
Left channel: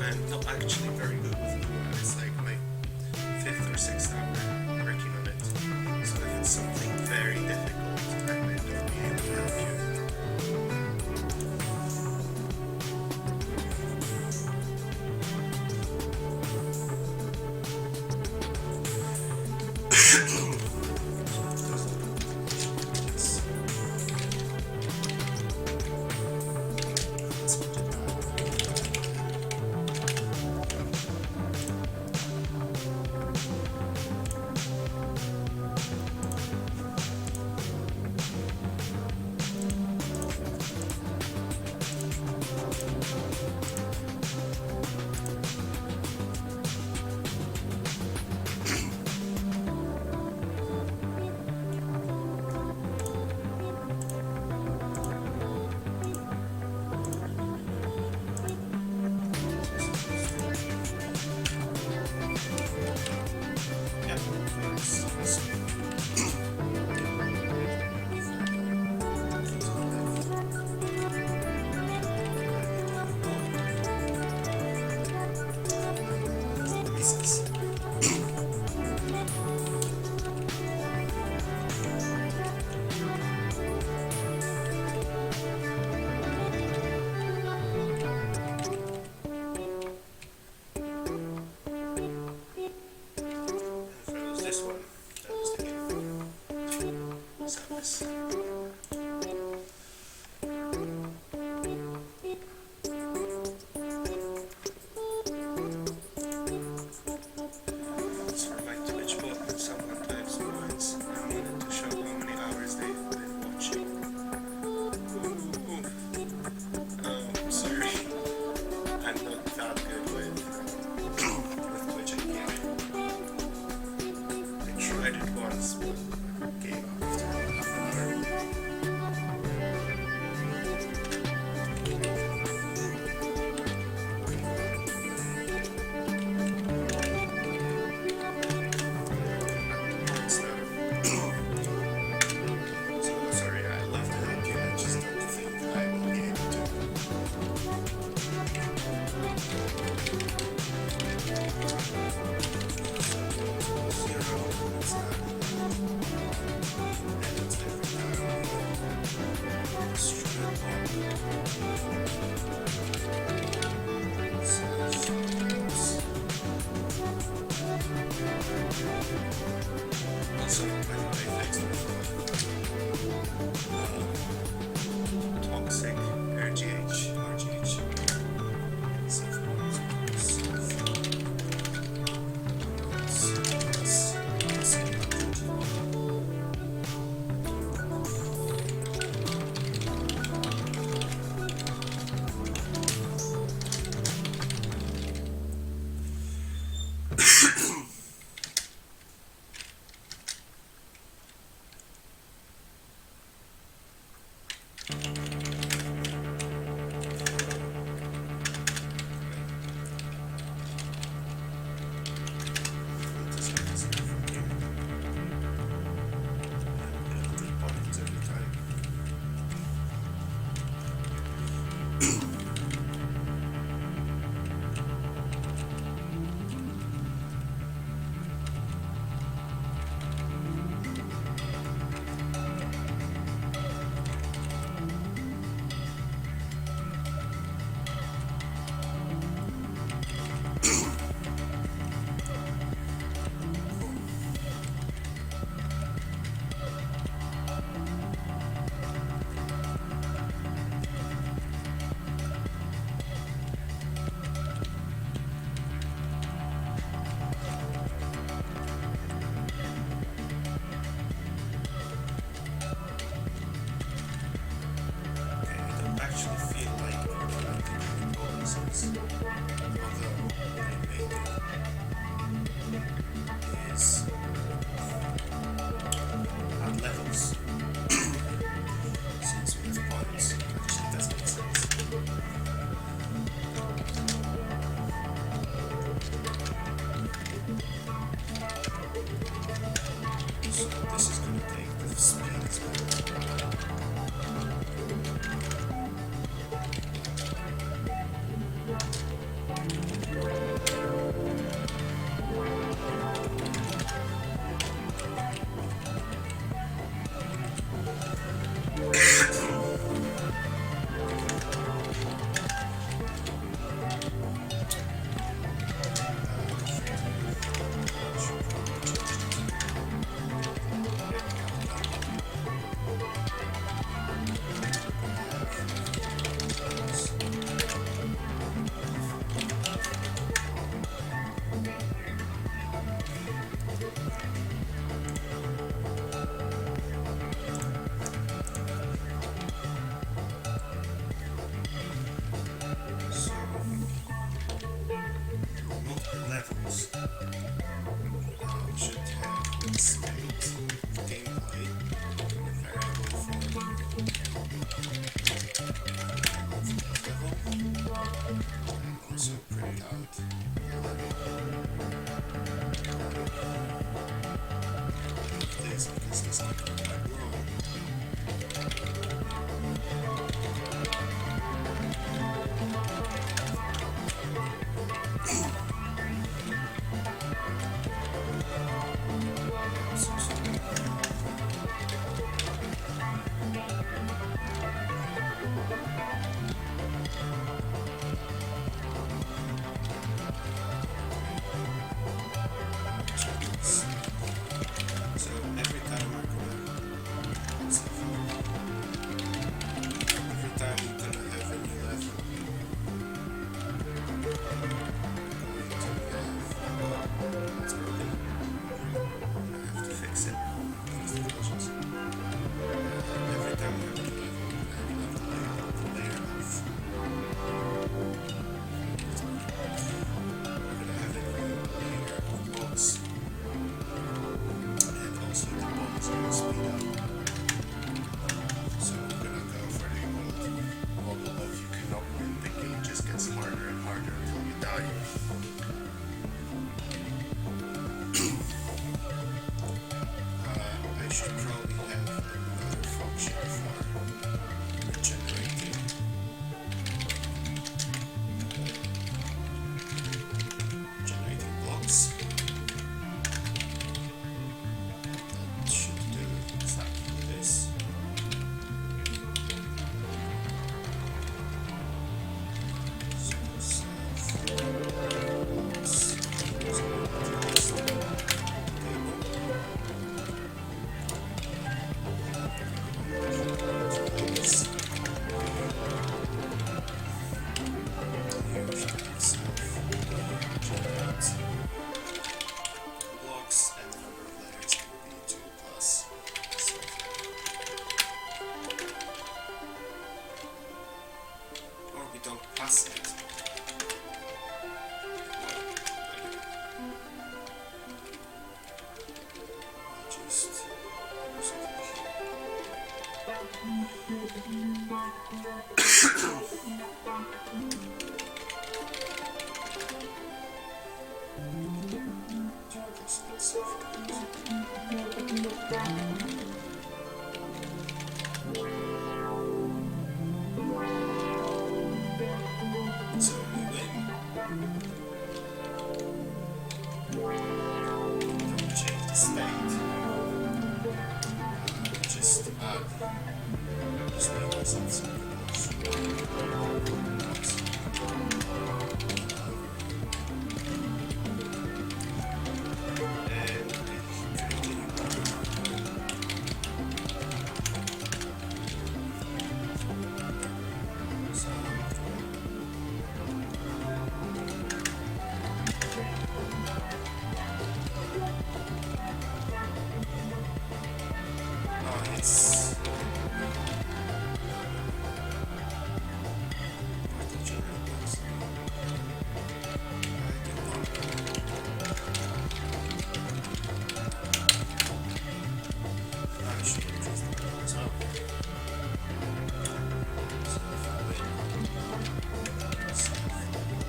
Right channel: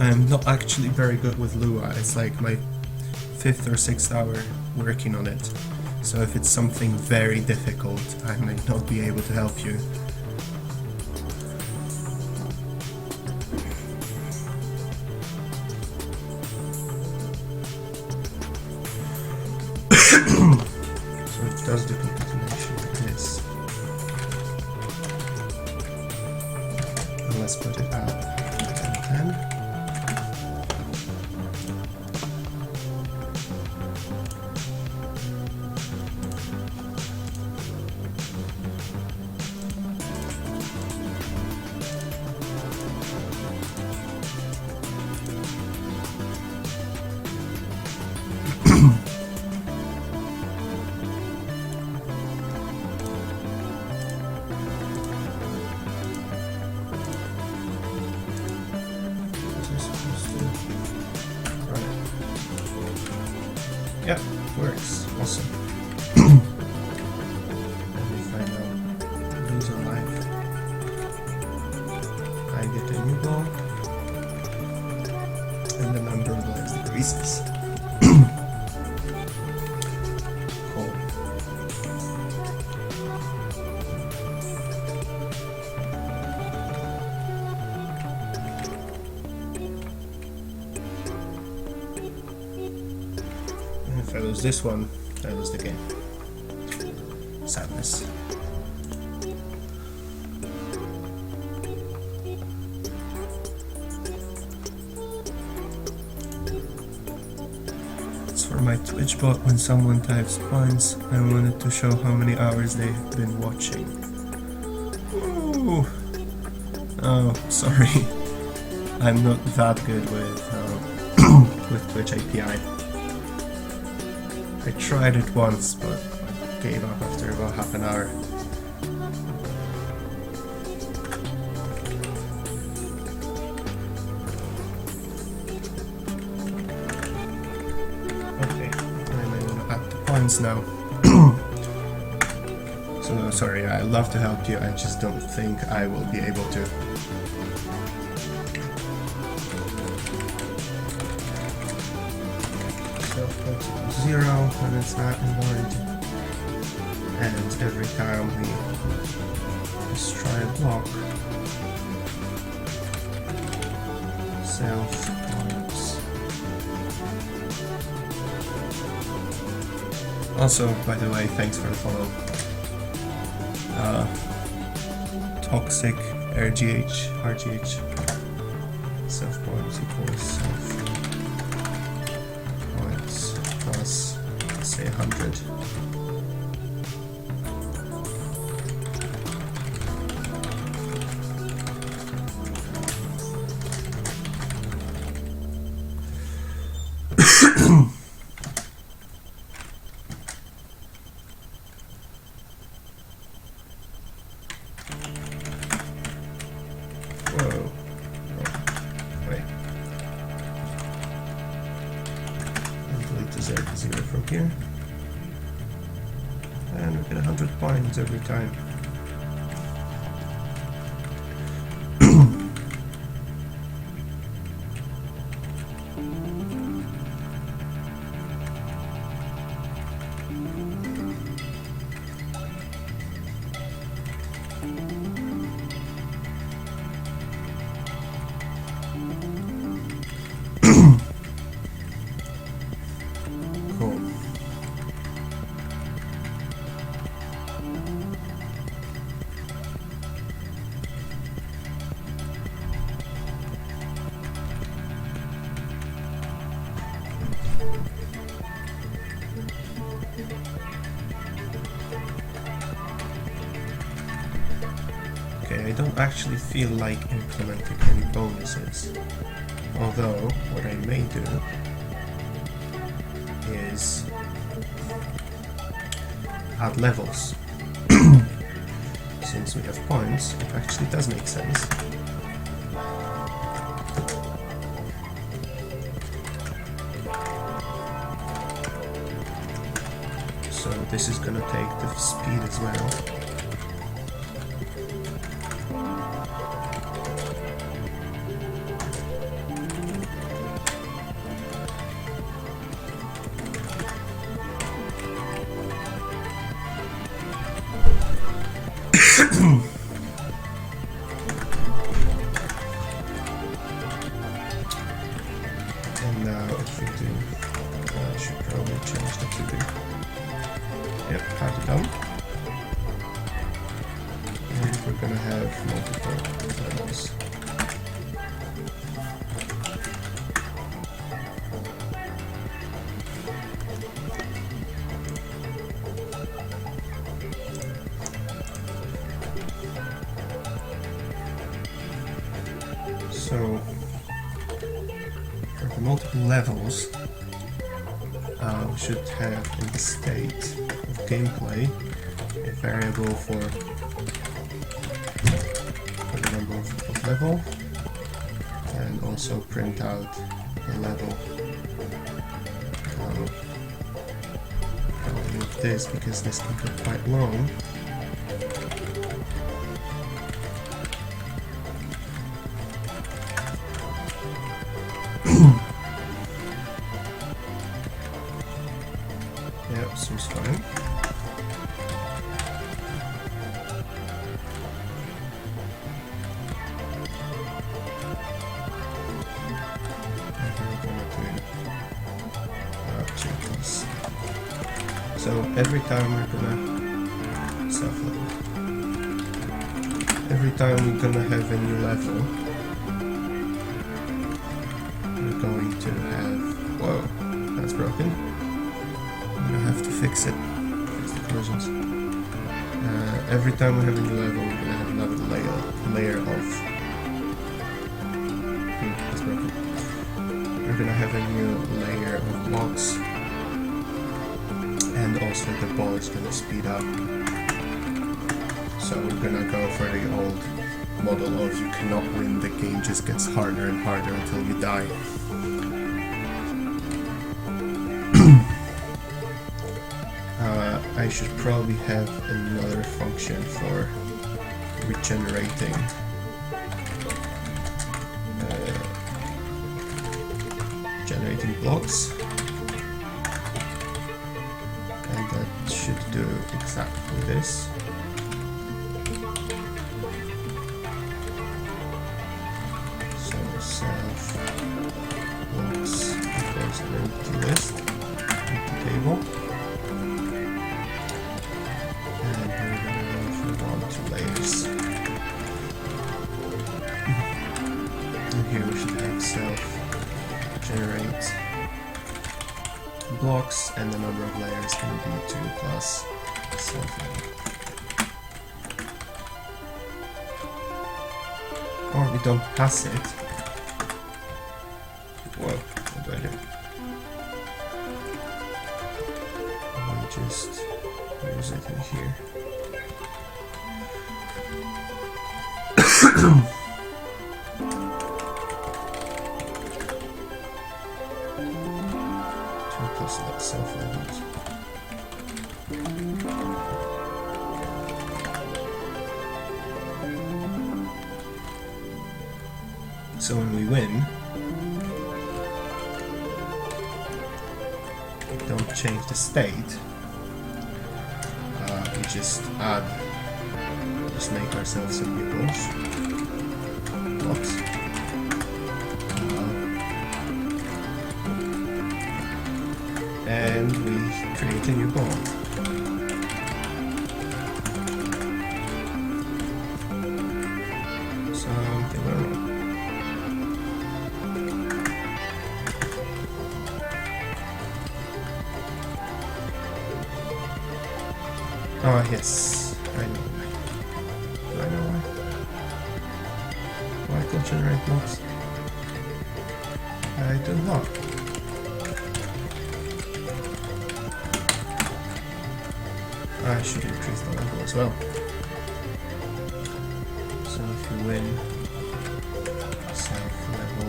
I'm not actually very good with Lua. It's like my 5th or 6th hour working on it. So if it's something very difficult, I might not be able to help you. So it does the concatenation like this. And let's put it out 10. Yeah, works. Awesome. These are live. I get a new ball. And the number of the pieces. Cool. If I lose this one, I lose the game. Sadness. It's for my Twitch bot when someone types points. I wanted to show how many hours they've been watching. Ooh. Oh, sorry. I'm not that good with with Twitch API. I tried it once, but gave up after about half an hour. Okay, I'm back to points now. So sorry, I love to help you, I just don't think I will be able to. So go to 0 when it's not in orange. And every time we destroy a block, self points. Also, by the way, thanks for the follow. Toxic RGH self points equals self points plus, say, 100. Here, and we get 100 points every time. Actually feel like implementing any bonuses, although what I may do is add levels. Since we have points, it actually does make sense. So this is gonna take the speed as well. So, for the multiple levels, we should have in the state of gameplay a variable for the number of level, and also print out the level. I'll leave this because this can be quite long. So every time we're gonna every time we're gonna have a new level, we're going to have, whoa, that's broken. I'm gonna have to fix it. Fix the collisions. Every time we have a new level, we're gonna have another layer of. That's broken. We're gonna have a new layer of blocks. And also the ball is going to speed up. So we're going to go for the old model of you cannot win, the game just gets harder and harder until you die. I I should probably have another function for regenerating generating blocks, and that should do exactly this. So self blocks goes into this table, and we're going to move on to layers. And here we should have self generate blocks, and the number of layers can be 2 plus something. Or we don't pass it. Whoa, what do I do? We just use it in here. Plus that self element. So when we win, we don't change the state. We just make ourselves some new blocks. And we create a new bond. Something wrong. Oh yes, I know. Why can't generate blocks? I don't know. I should increase the level as well. So if we win self level,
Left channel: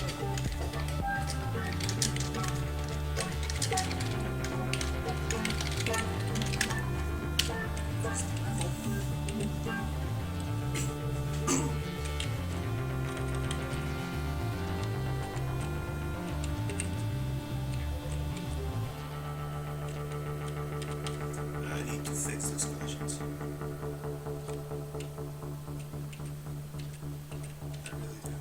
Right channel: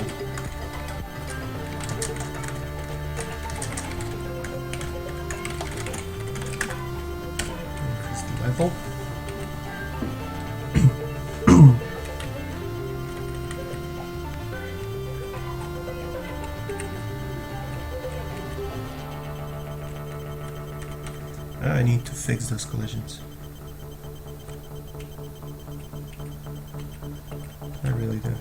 increase the level. I need to fix those collisions. I really do.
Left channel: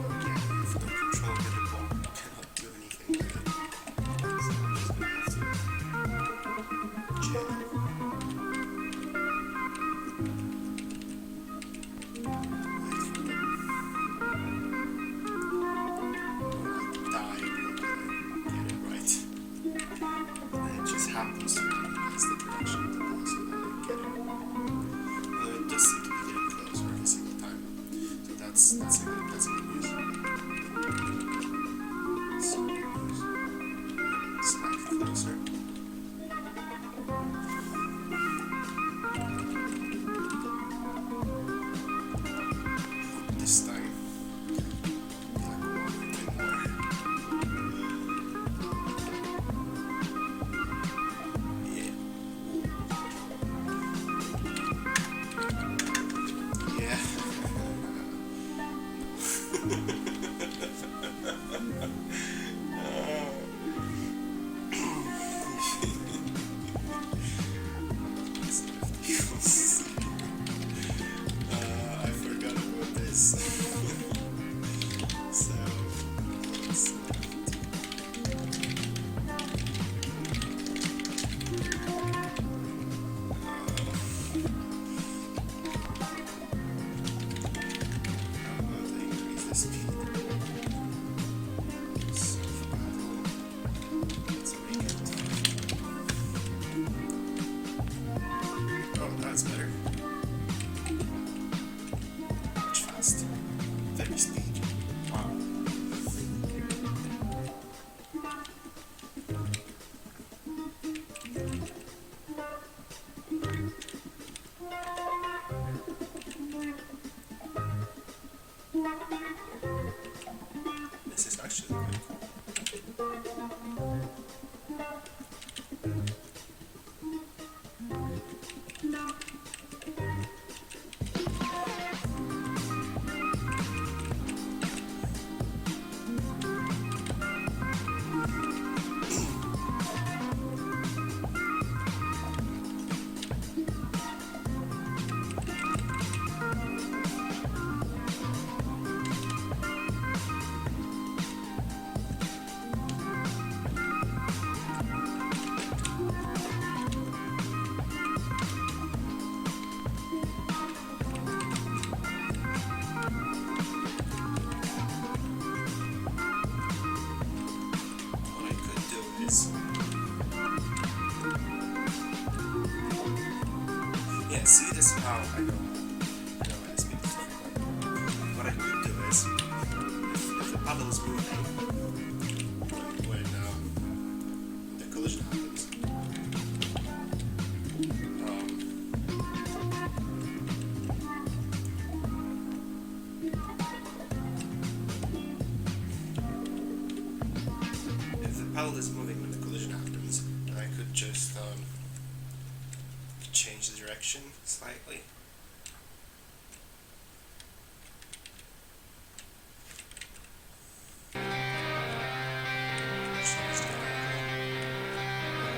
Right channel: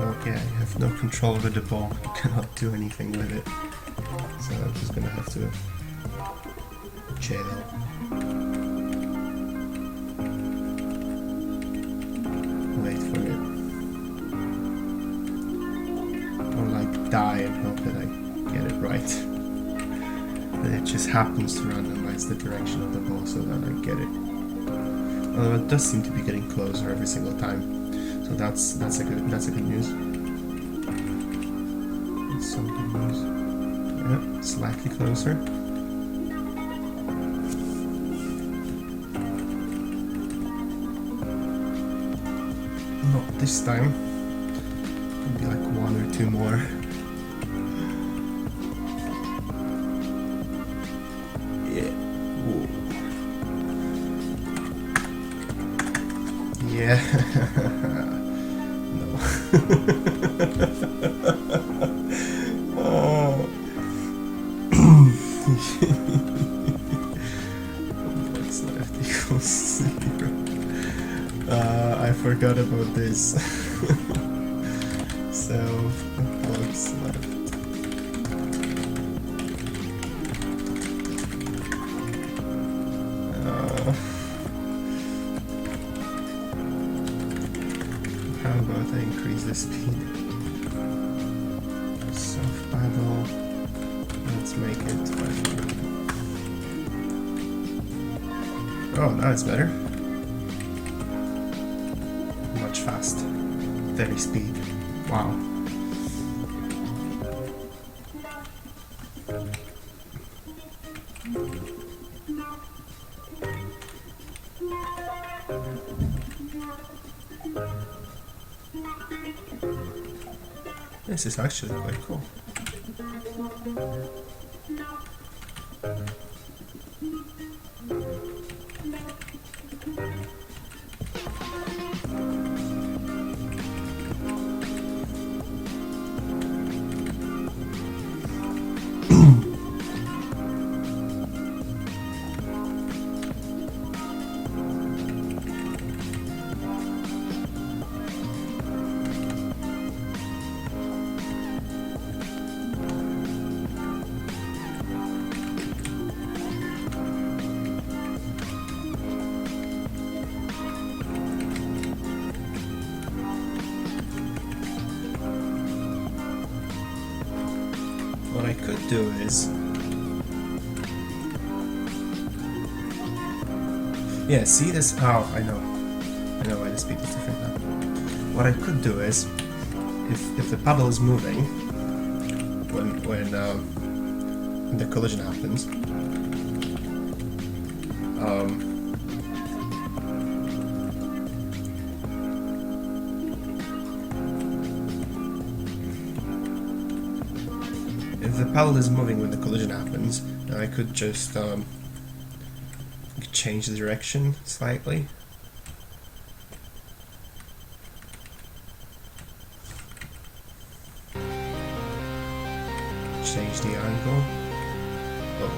Okay, I have no control over the ball. I cannot do anything with it. So I'm just gonna have to jail. Wait for it. Or like die and hope that I get it right. And it just happens to randomize the direction of the ball so that I get it. Although it does seem to be getting closer every single time. So that's a good news. That's some good news. Yep, slightly closer. Not this time. Maybe like 1 or 2 more. What's left equals 0. I forgot about this. So, what's left? How about I increase the speed? Soft paddle. Let's make it 5. Oh, that's better. Much fast. Very speed. Wow. This is actually quite cool. What I could do is, yeah, see this? Oh, I know why the speed is different now. What I could do is, if the paddle is moving when the collision happens, if the paddle is moving when the collision happens, then I could just change the direction slightly. Change the angle. Oh.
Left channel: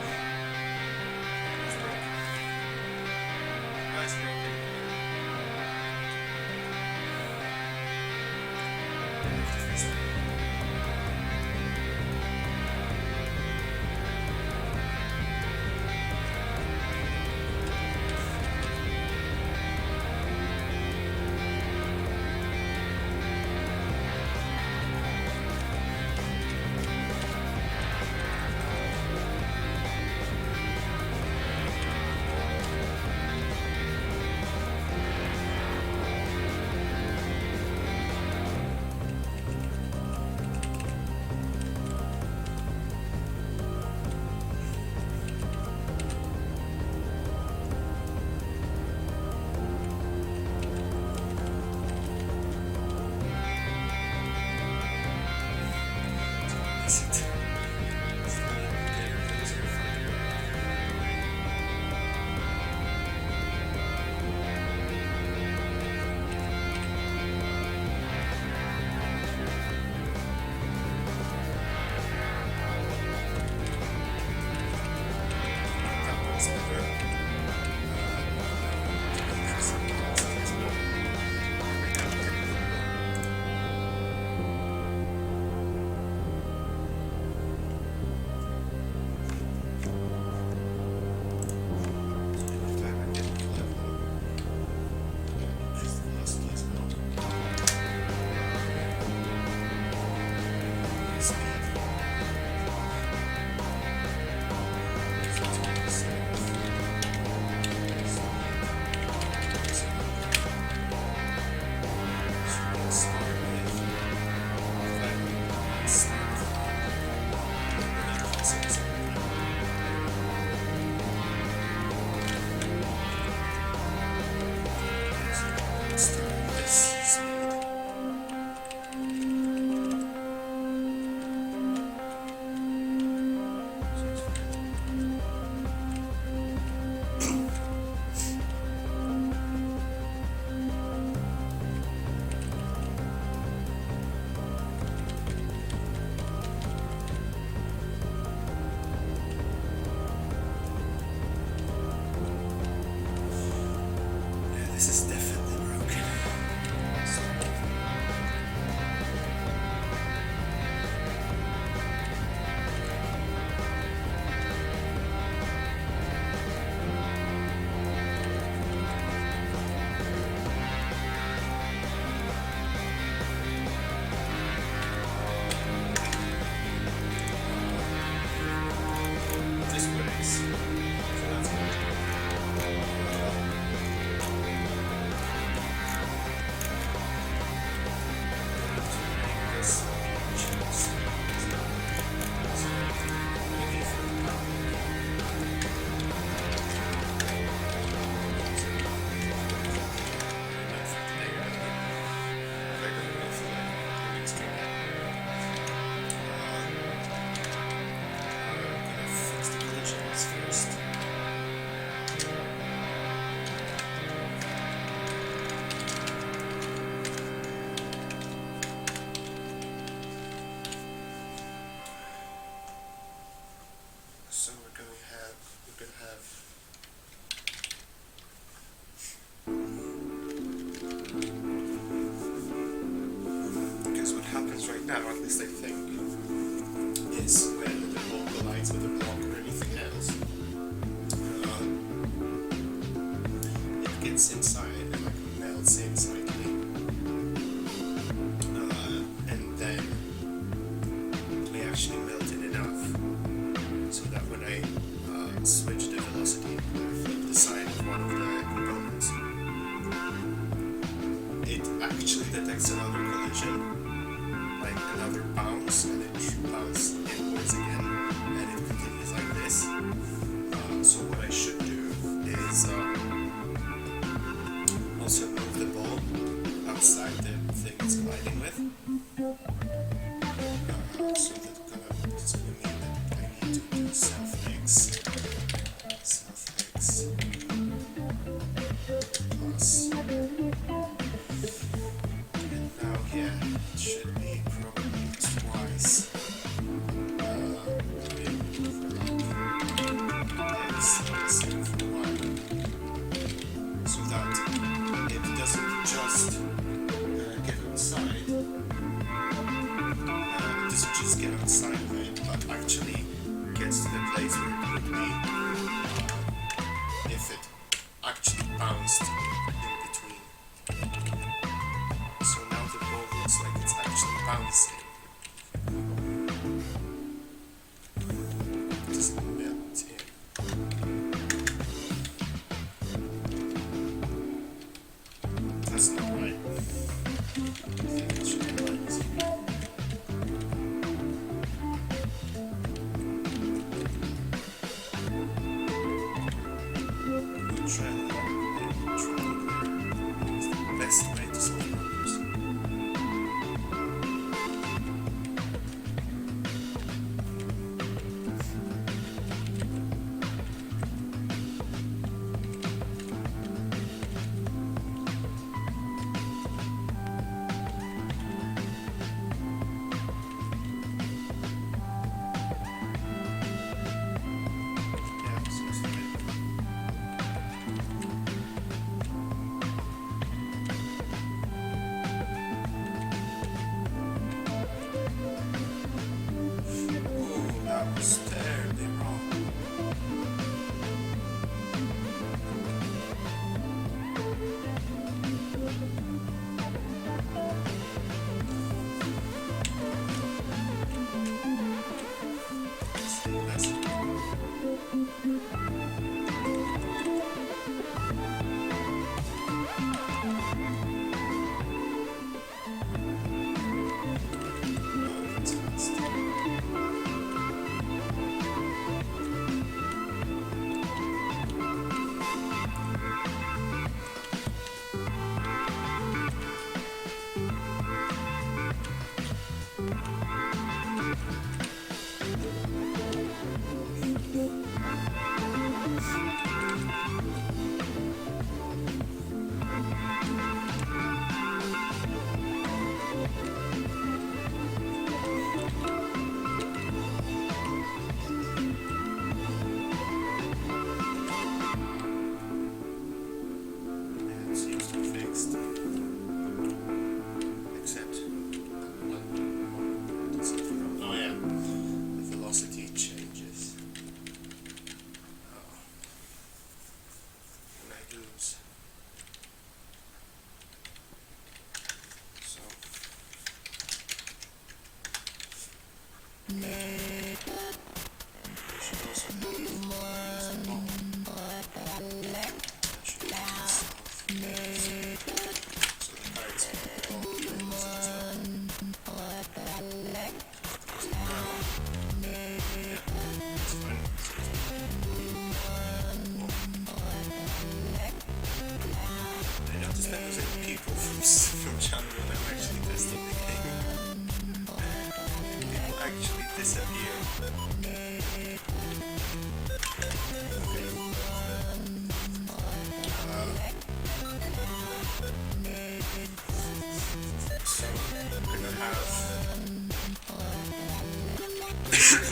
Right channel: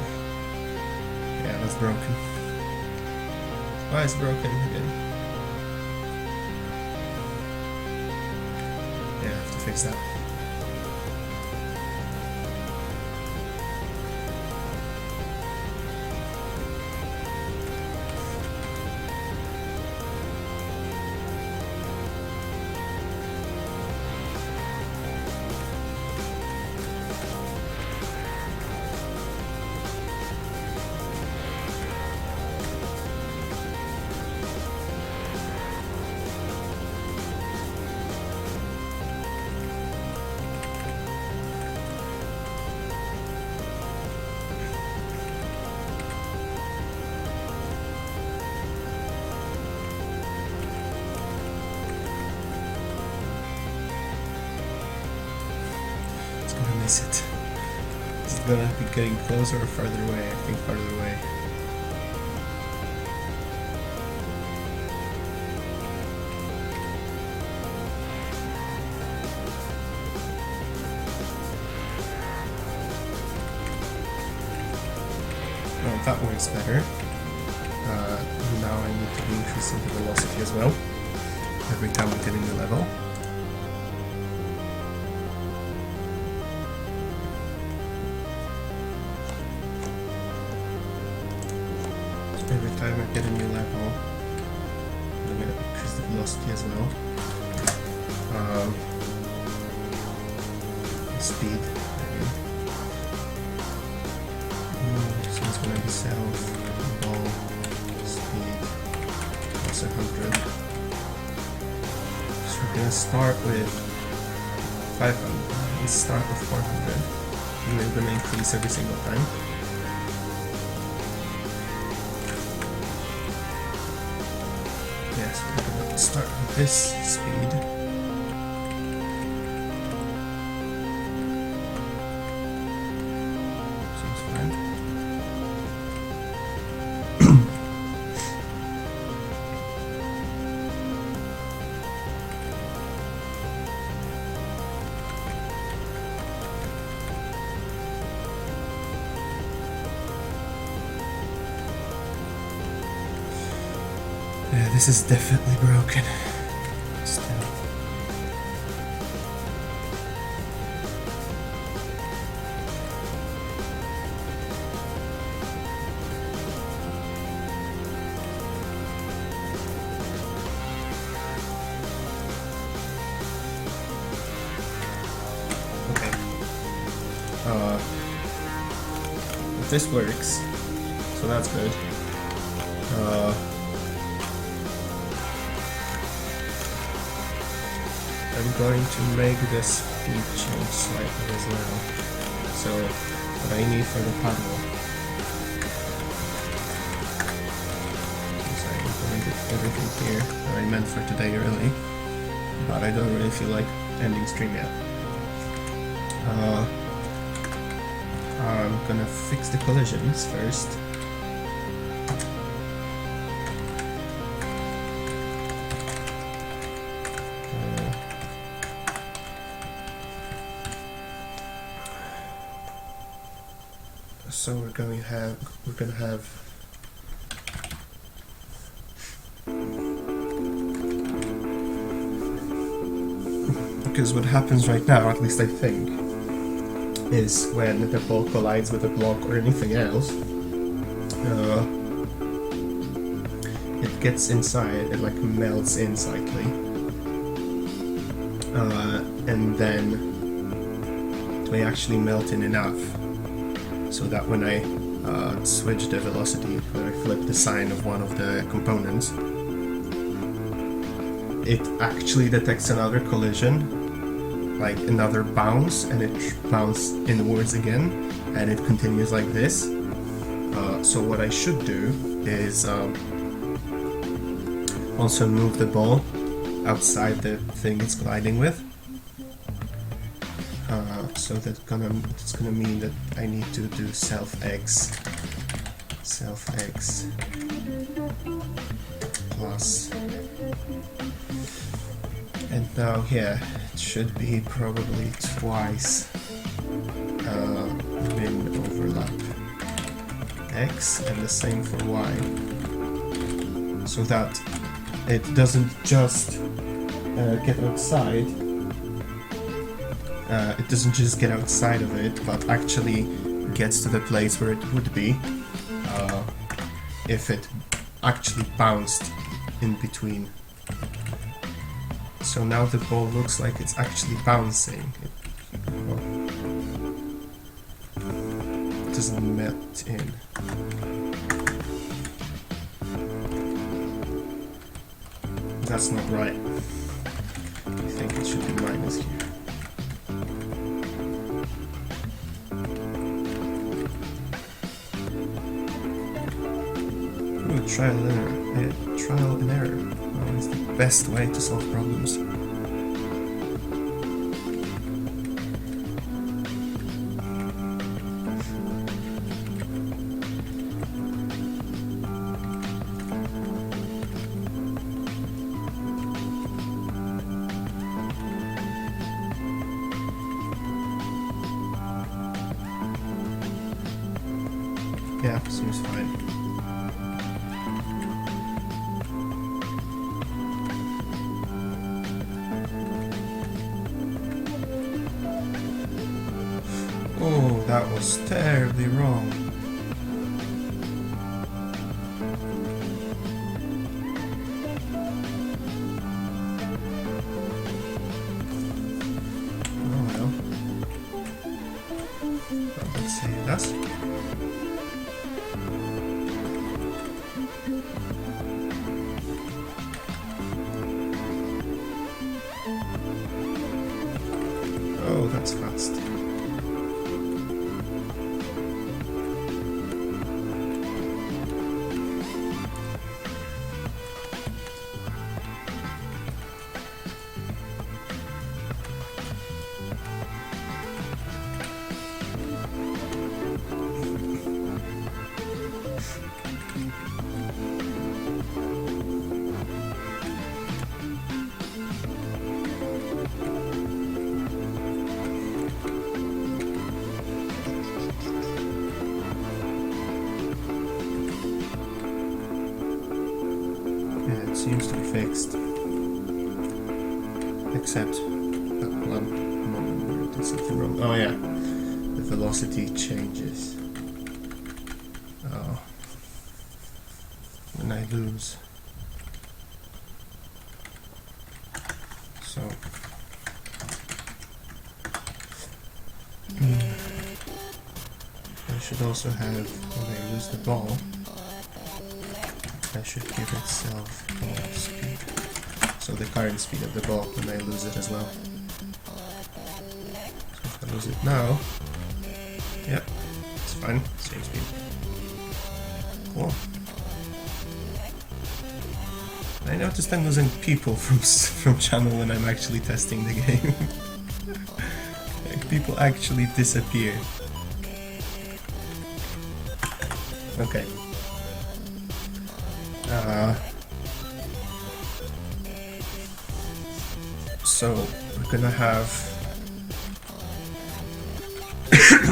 Yeah, that's broken. Why is broken here? Yeah, I have to fix that. Is it better getting closer or farther away? I think farther away. Oh, that works better. Now I need to increase the velocity as well. Every time I'm getting the level. As well. Speed. Since we're in south, speed is 100. So we're gonna start with 500. Let's start with 400. And we're gonna increase every single time. Start with this speed. Seems fine. This is definitely broken. This works, so that's good. I'm going to make this feature slightly as well. So what I need for the panel. Sorry, I did everything here that I meant for today early, but I don't really feel like ending stream yet. I'm gonna fix the collisions first. So we're gonna have because what happens right now, at least I think, is when the ball collides with a block or anything else, it gets inside, it like melts in slightly, and then it may actually melt in enough so that when I switch the velocity, when I flip the sign of one of the components, it actually detects another collision, like another bounce, and it bounces inwards again, and it continues like this. So what I should do is also move the ball outside the thing it's colliding with. So that's gonna mean that I need to do self X plus, and now here it should be probably twice bin overlap X and the same for Y, so that it doesn't just get outside. It doesn't just get outside of it, but actually gets to the place where it would be if it actually bounced in between. So now the ball looks like it's actually bouncing. It doesn't melt in. That's not right. I think it should be minus here. Trial and error. Trial and error. It's the best way to solve problems. Yeah, seems fine. That was terribly wrong. Oh no. Let's see, that's... Oh, that's fast. seems to be fixed. Except that one moment did something wrong. Oh yeah, the velocity changes. Oh. And I lose. So I should also have, when I lose the ball, that should give itself more speed. So the current speed of the ball when I lose it as well. So if I lose it now, yep, it's fine, same speed. Cool. I noticed I'm losing people from channel when I'm actually testing the game. Like, people actually disappear. Okay. So we're gonna have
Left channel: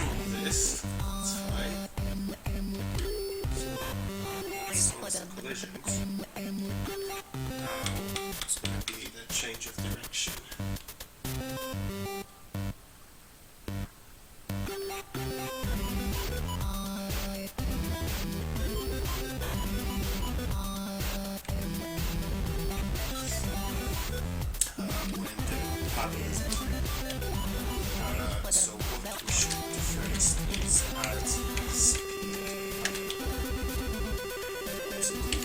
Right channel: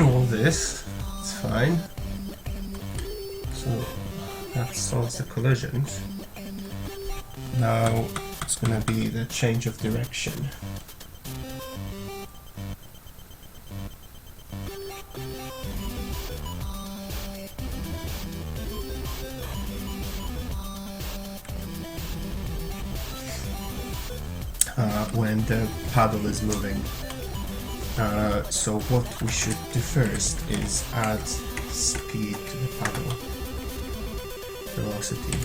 all this. It's fine. So that solves the collisions. Now it's gonna be the change of direction. When the paddle is moving. So what we should do first is add speed to the paddle. Velocity.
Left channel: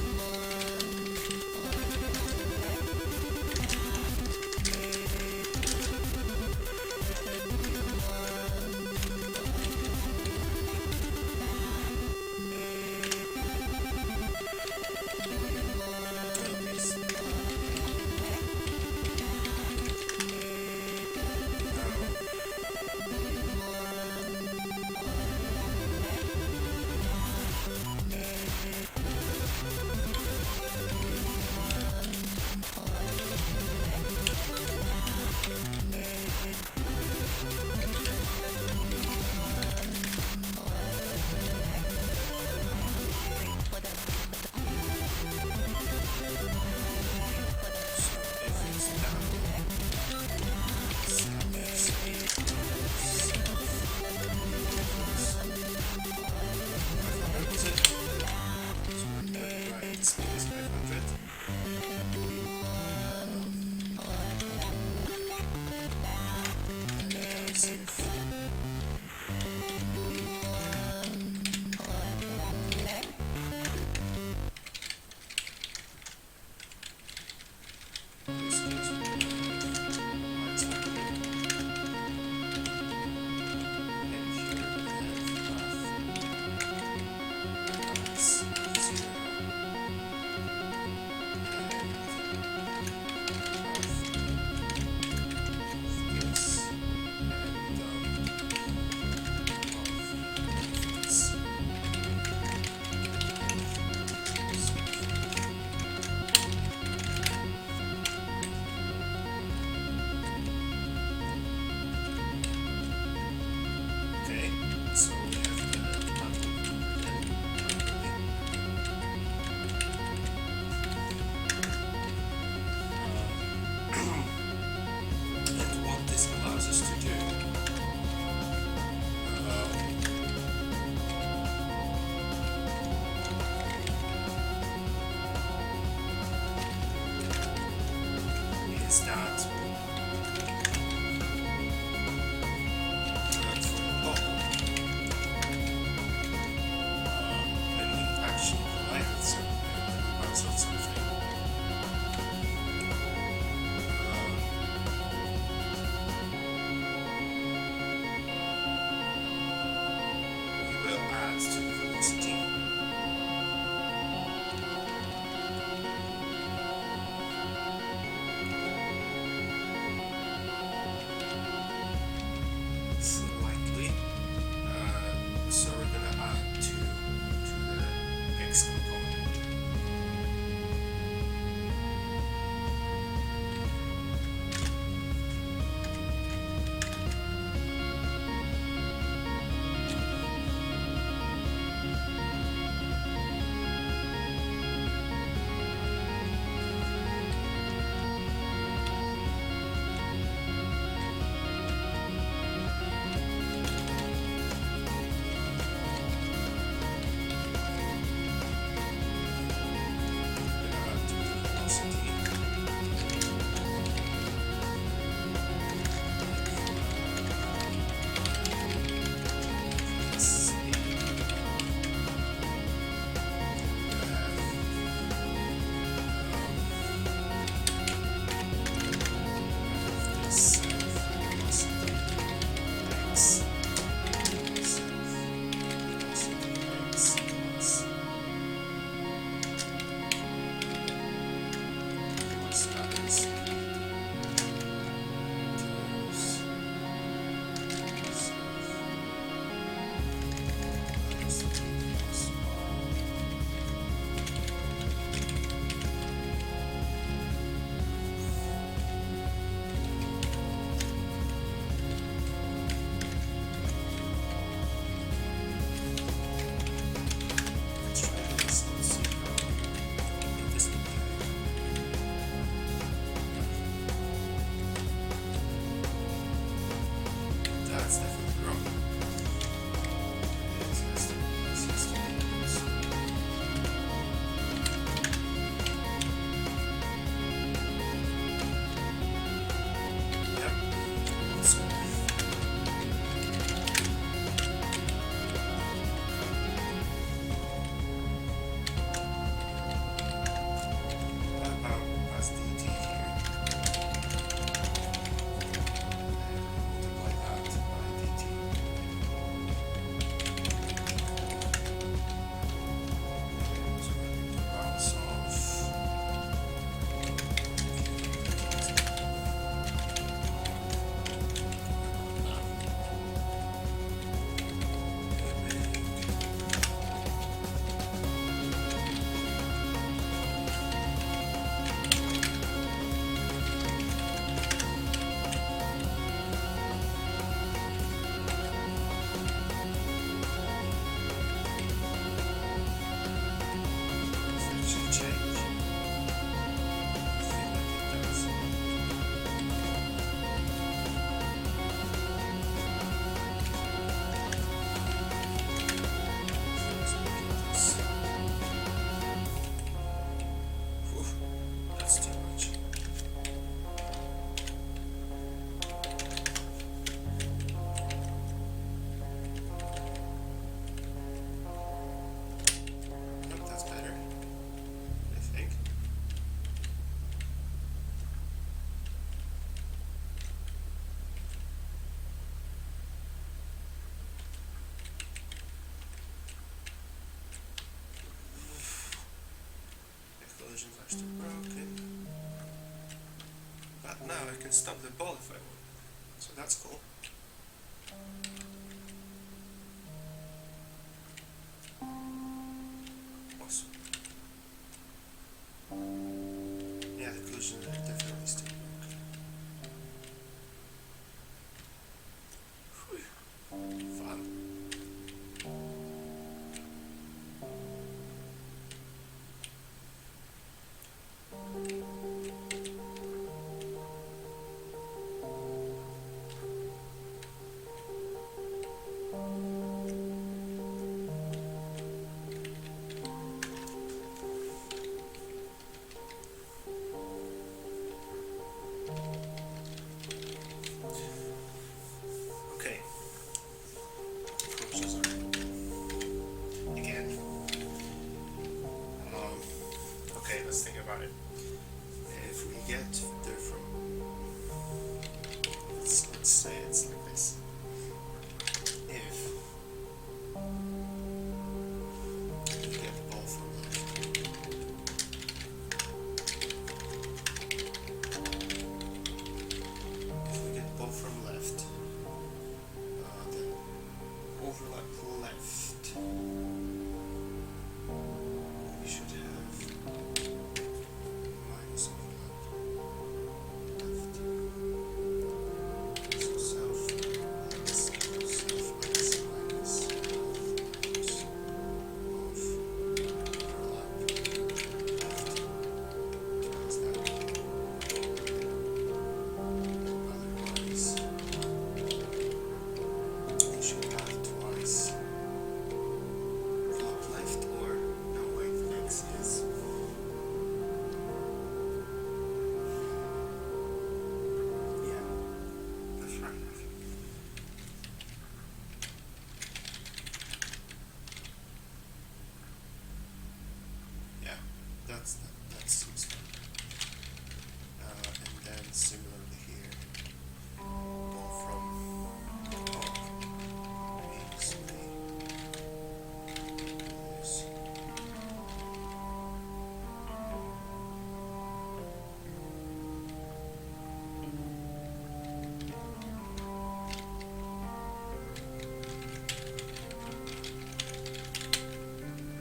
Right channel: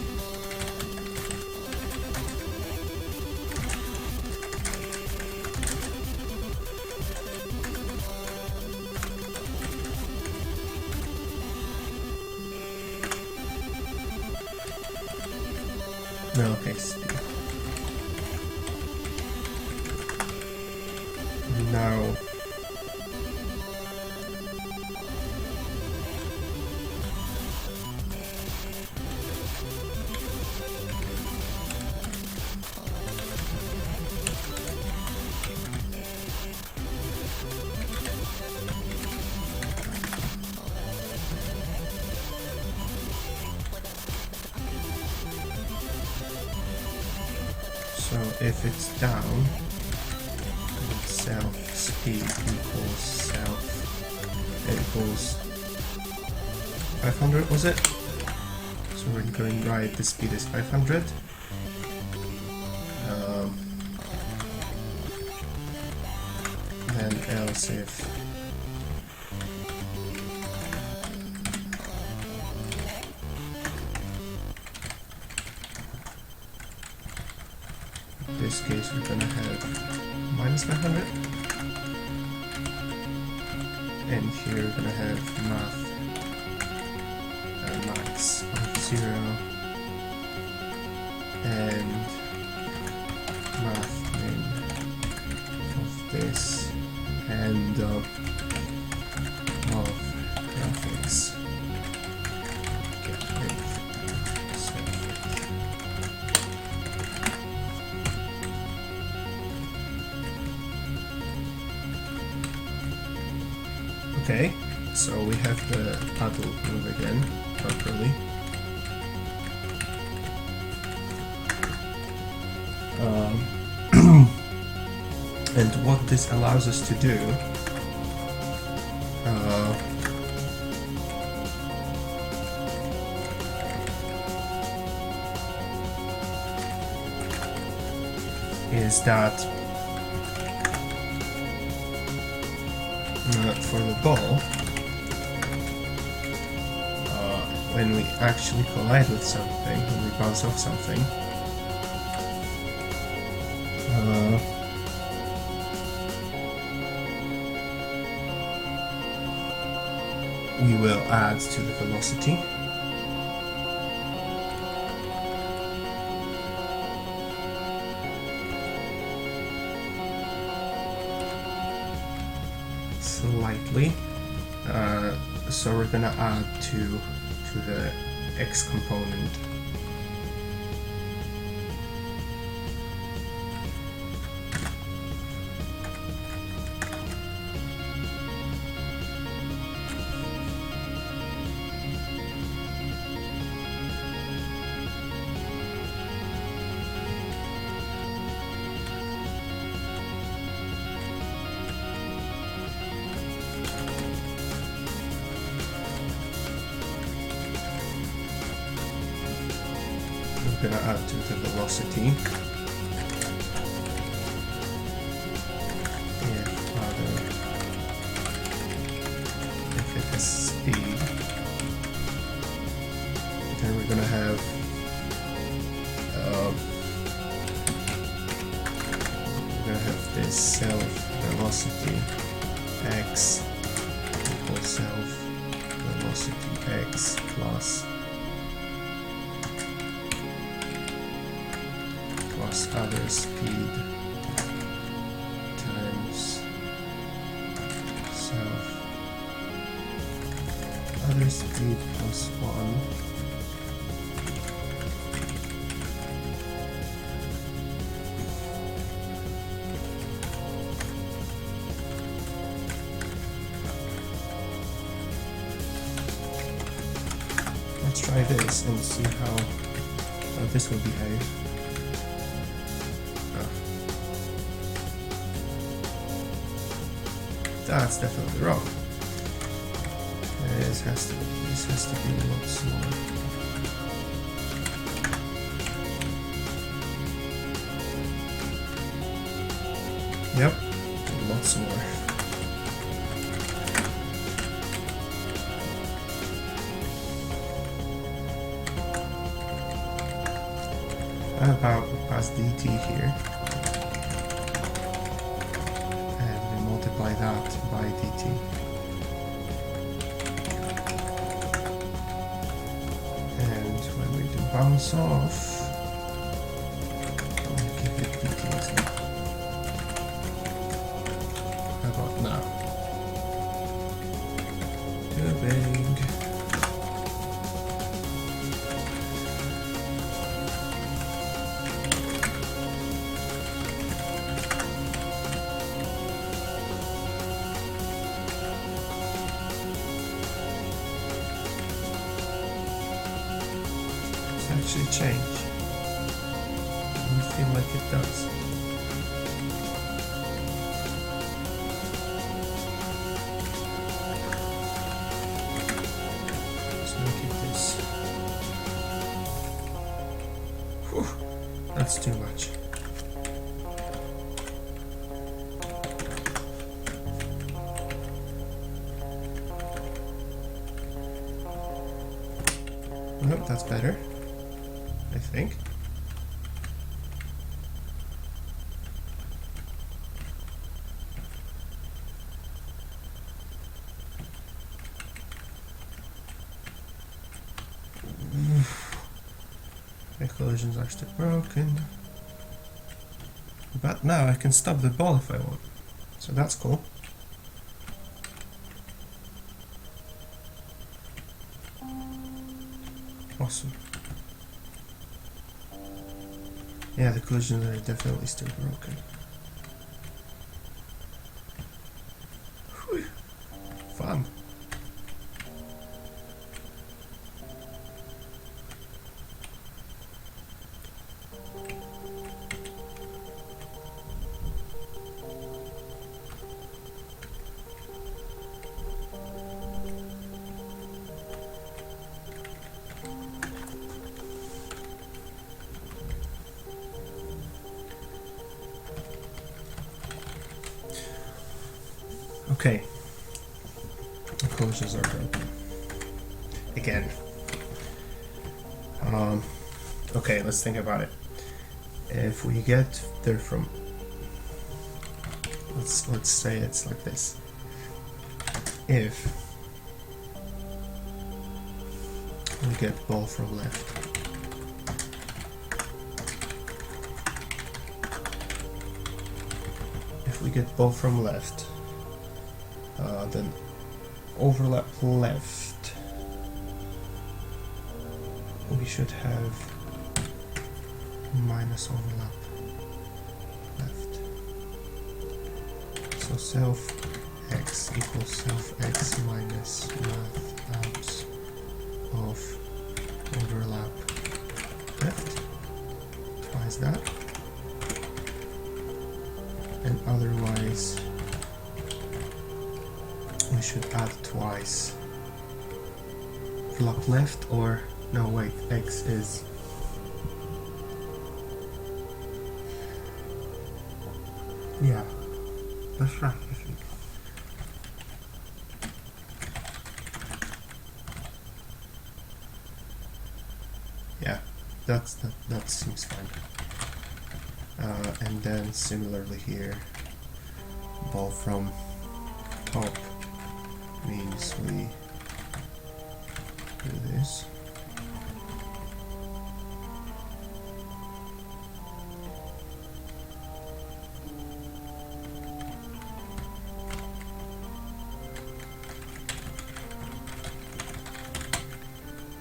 No, okay, speed. Now so if it's down, self speed equals self equals 500, was it? So we're going right, the speed is 500. Then else if in this case we're gonna have minus 500, and here we're gonna have math and max of 0 and math of this and of graphics. Okay, so we have the paddle move again properly. And what this allows us to do is that for the ball, when we actually collide with something, when we bounce off something, we will add to the velocity. Slightly. So we're gonna add to the x component. that to the velocity. If it has speed, then we're gonna have this self velocity x equals self velocity x plus other speed times self other speed plus 1 Let's try this and see how this will behave. That's definitely wrong. This has to be a lot smaller. Yep, a lot smaller. How about we pass dt here? That by dt. And when we do bounce off, how about now? Moving. Actually change. I feel like it does. Let's look at this. Whew, that's too much. Nope, that's better. I think. The collision's actually broken. But now I can stop the ball if I want. So that's cool. Awesome. Yeah, the collisions are definitely still broken. Whew. Fun. Okay. The collisions are broken. Again. Okay, let's think about it. If we get there from, let's say it's like this. If we get ball from left, if we get ball from left, then overlap left, we should have minus overlap left. So self x equals self x minus math of overlap left, twice that, and otherwise we should add twice flop left, or no wait, x is Yeah, that's right, I think. Yeah, that seems fine. And then similarly here, ball from top means we do this.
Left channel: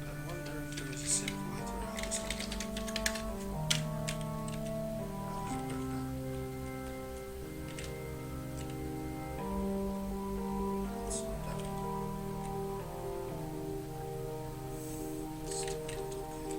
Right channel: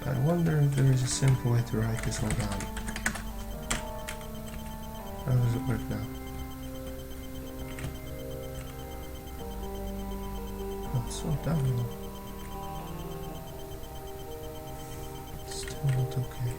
I wonder if there is a simple way to write this one down. How does it work now? Not so down. Still not okay.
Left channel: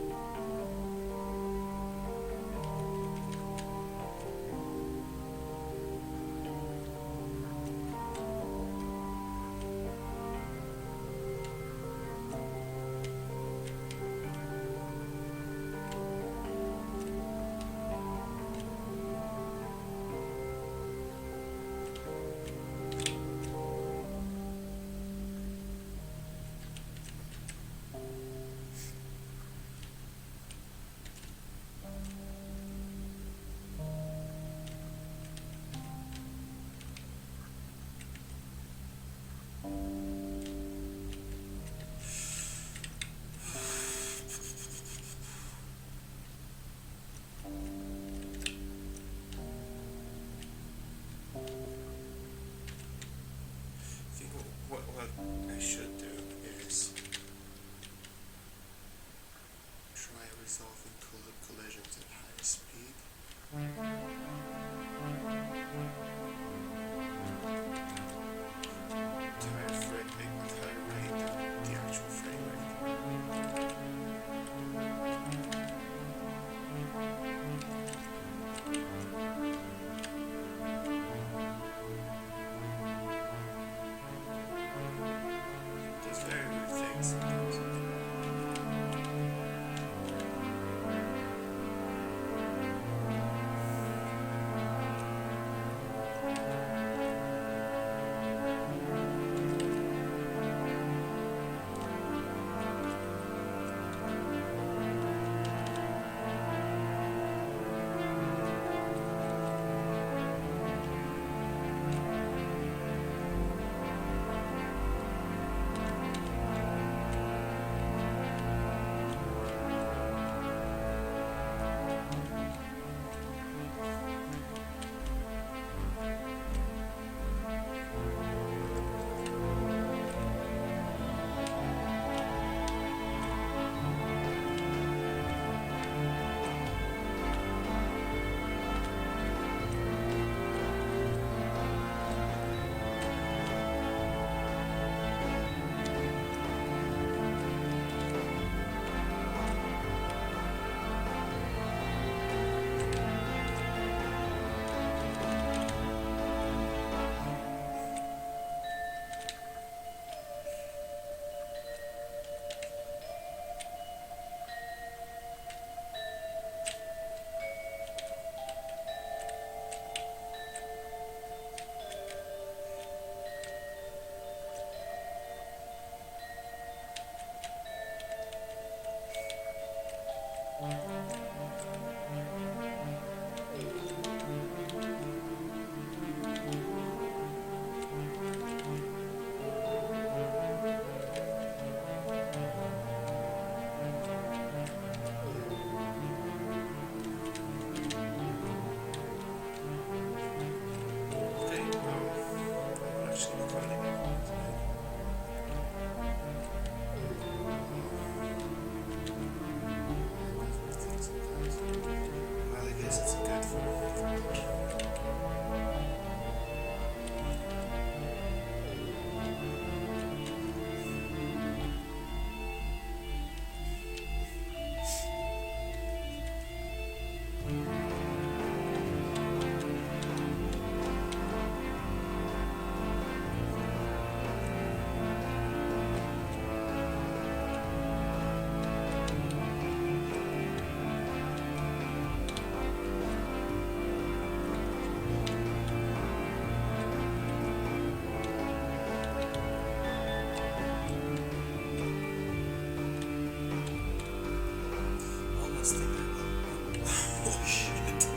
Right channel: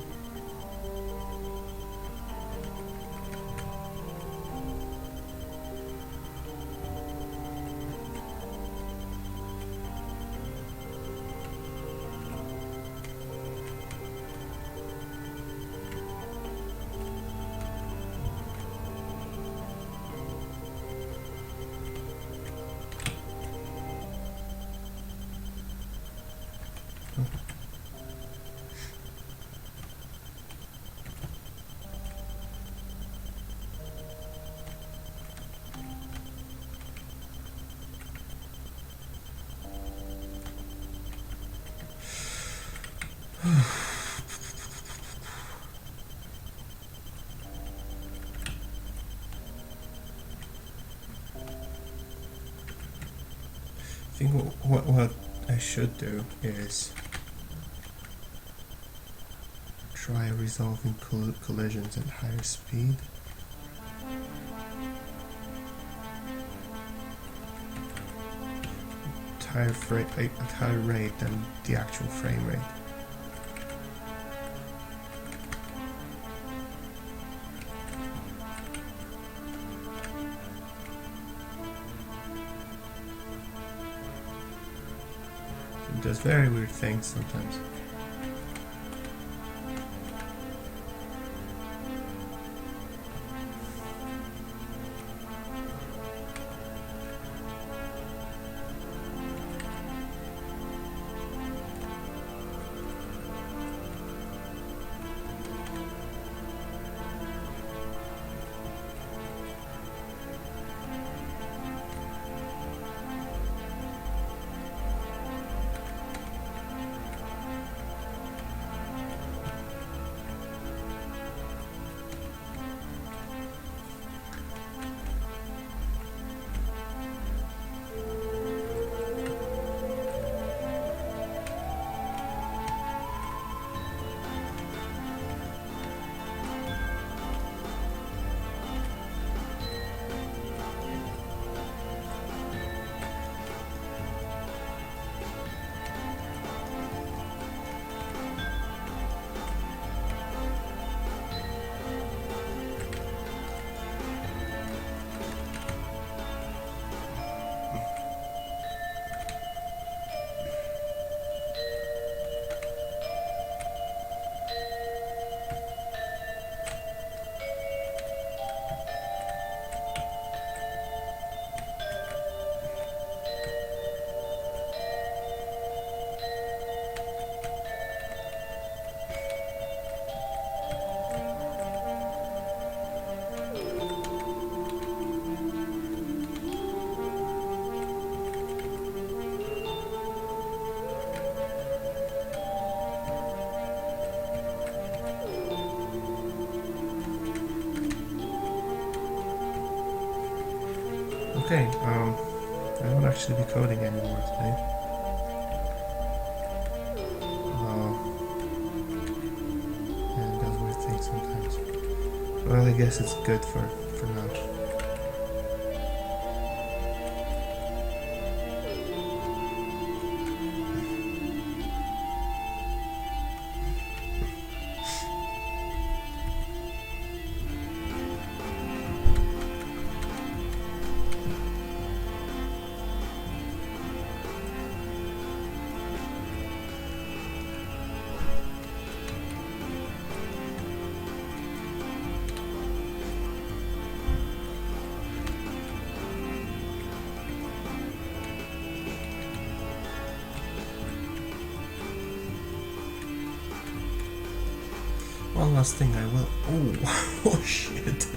I think what I should do is try resolving collisions at higher speed. At higher rate than the actual frame rate. It does very weird things sometimes. Okay, I won't actually be coding anymore today. Yeah, it does weird things sometimes. Well, I guess it's good for now. one last thing I will. Oh shit.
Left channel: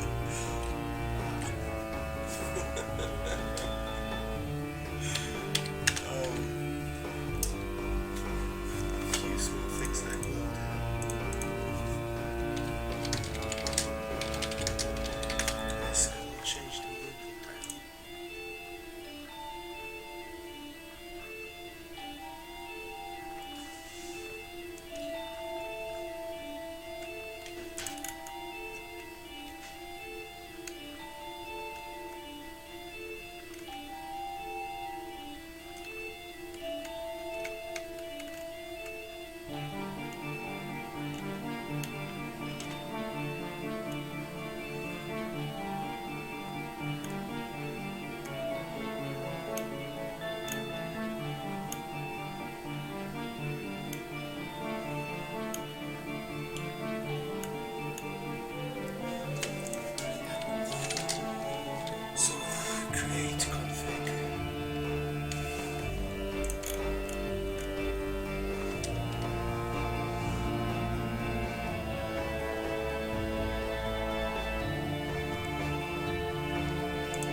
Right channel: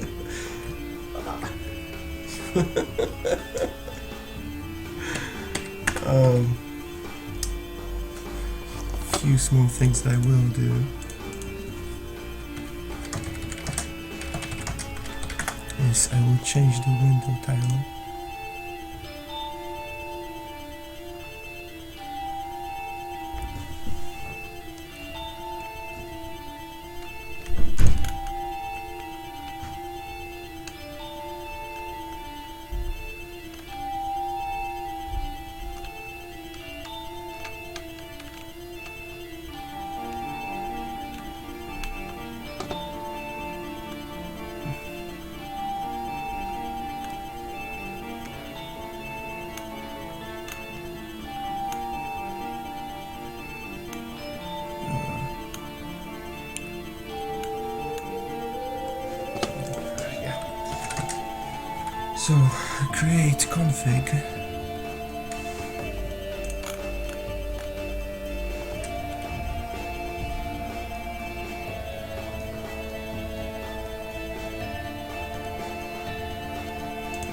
Few small things that I will do. Yes, I will change the window tile. So, create config.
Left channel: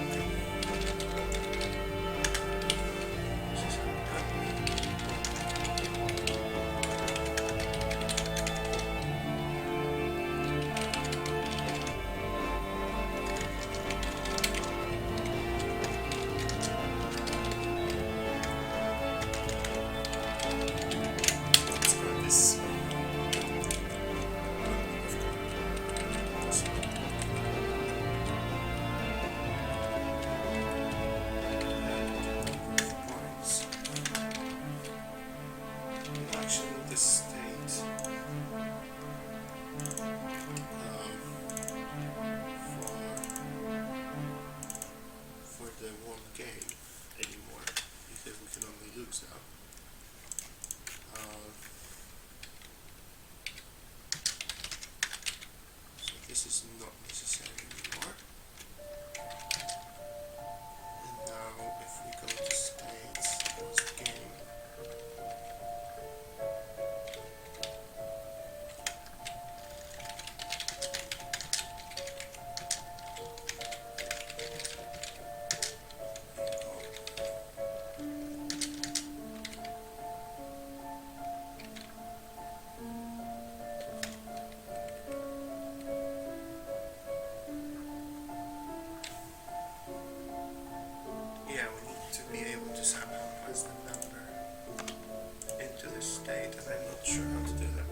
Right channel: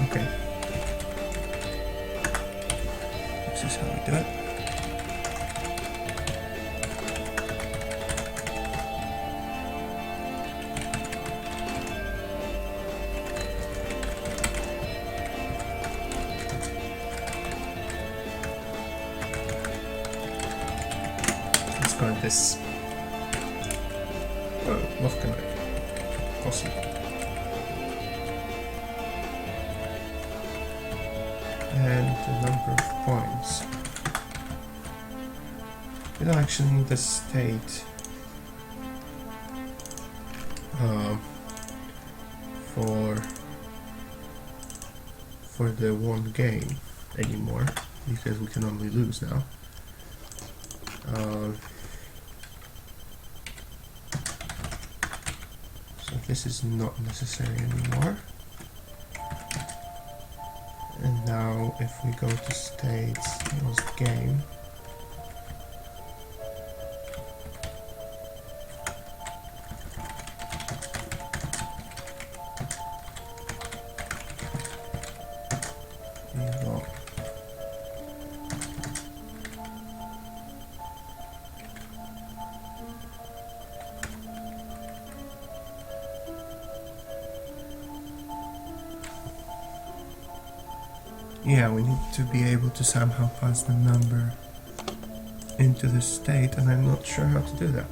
Okay. This is how we do it. Going this what can I possible and the number of points. We don't actually need the state for the one game anymore because we can only lose now. This is not necessary anymore. And now if we go to states, was game. There you go. Yeah, we need to be able to somehow pass the number into the state, and I'm not sure how to do that.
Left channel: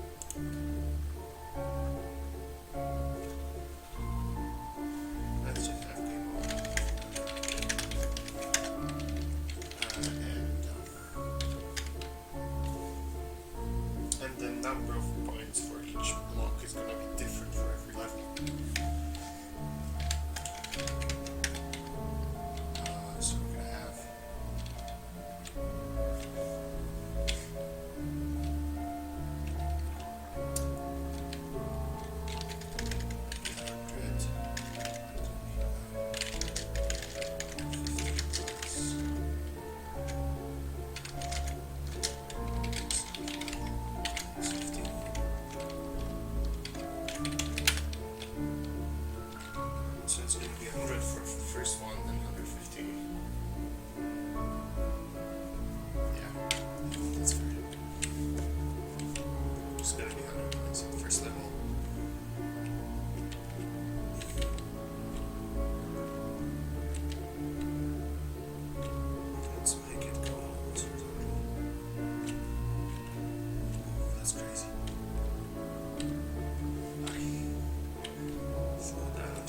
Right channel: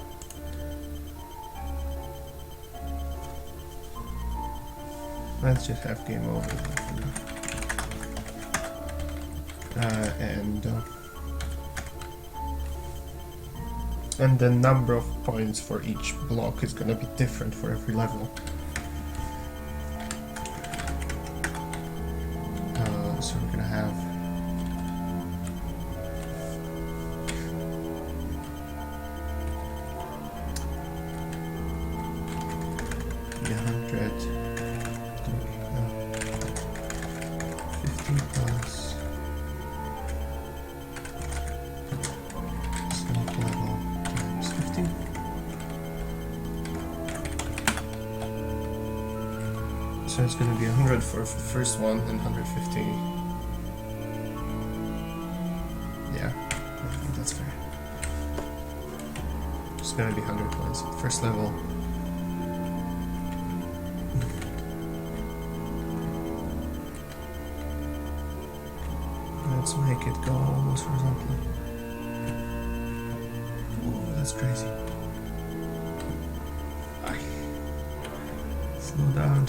Let's just have game over. And the number of points for each block is gonna be different for every level. So we're gonna have the 50 plus some level times 50. So it's gonna be 100 for the first one and 150. That's fair. It's gonna be 100 points. First level. Let's make it go almost horizontally. Oh, that's crazy. Slow down.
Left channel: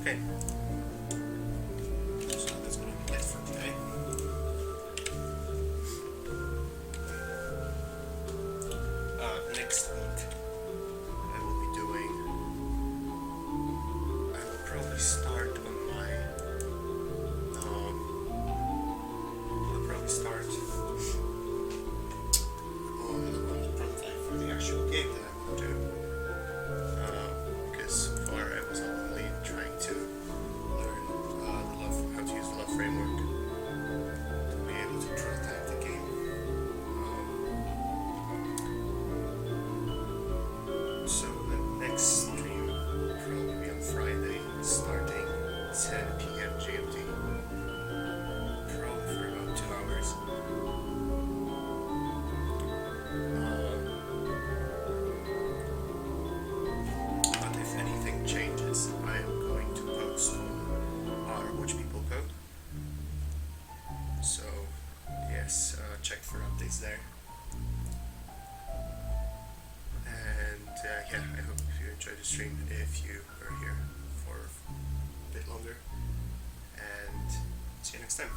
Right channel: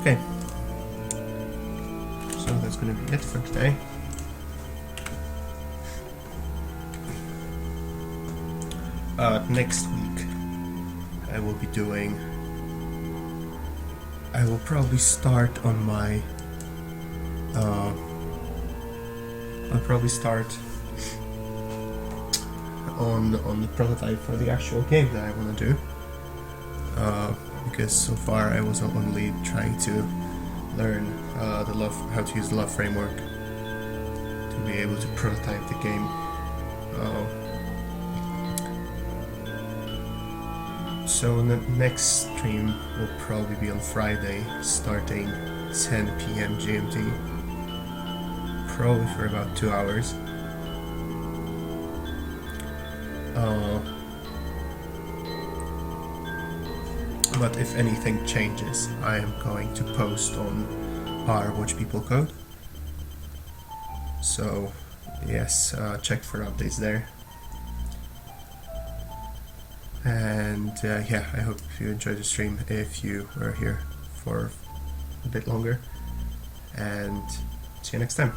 Okay, so that's going to be it for today. Next week I will be doing, I will probably start on my, I'll probably start on the prototype for the actual game that I want to do. Because so far I was only trying to learn how to use the LÖVE framework to be able to prototype the game. So the next stream will probably be on Friday, starting 10 p.m. GMT, probably for about 2 hours. But if anything changes, I am going to post on our Watch People code. So yes, check for updates there. And yeah, I hope you enjoyed the stream if you were here for a bit longer. And see you next time.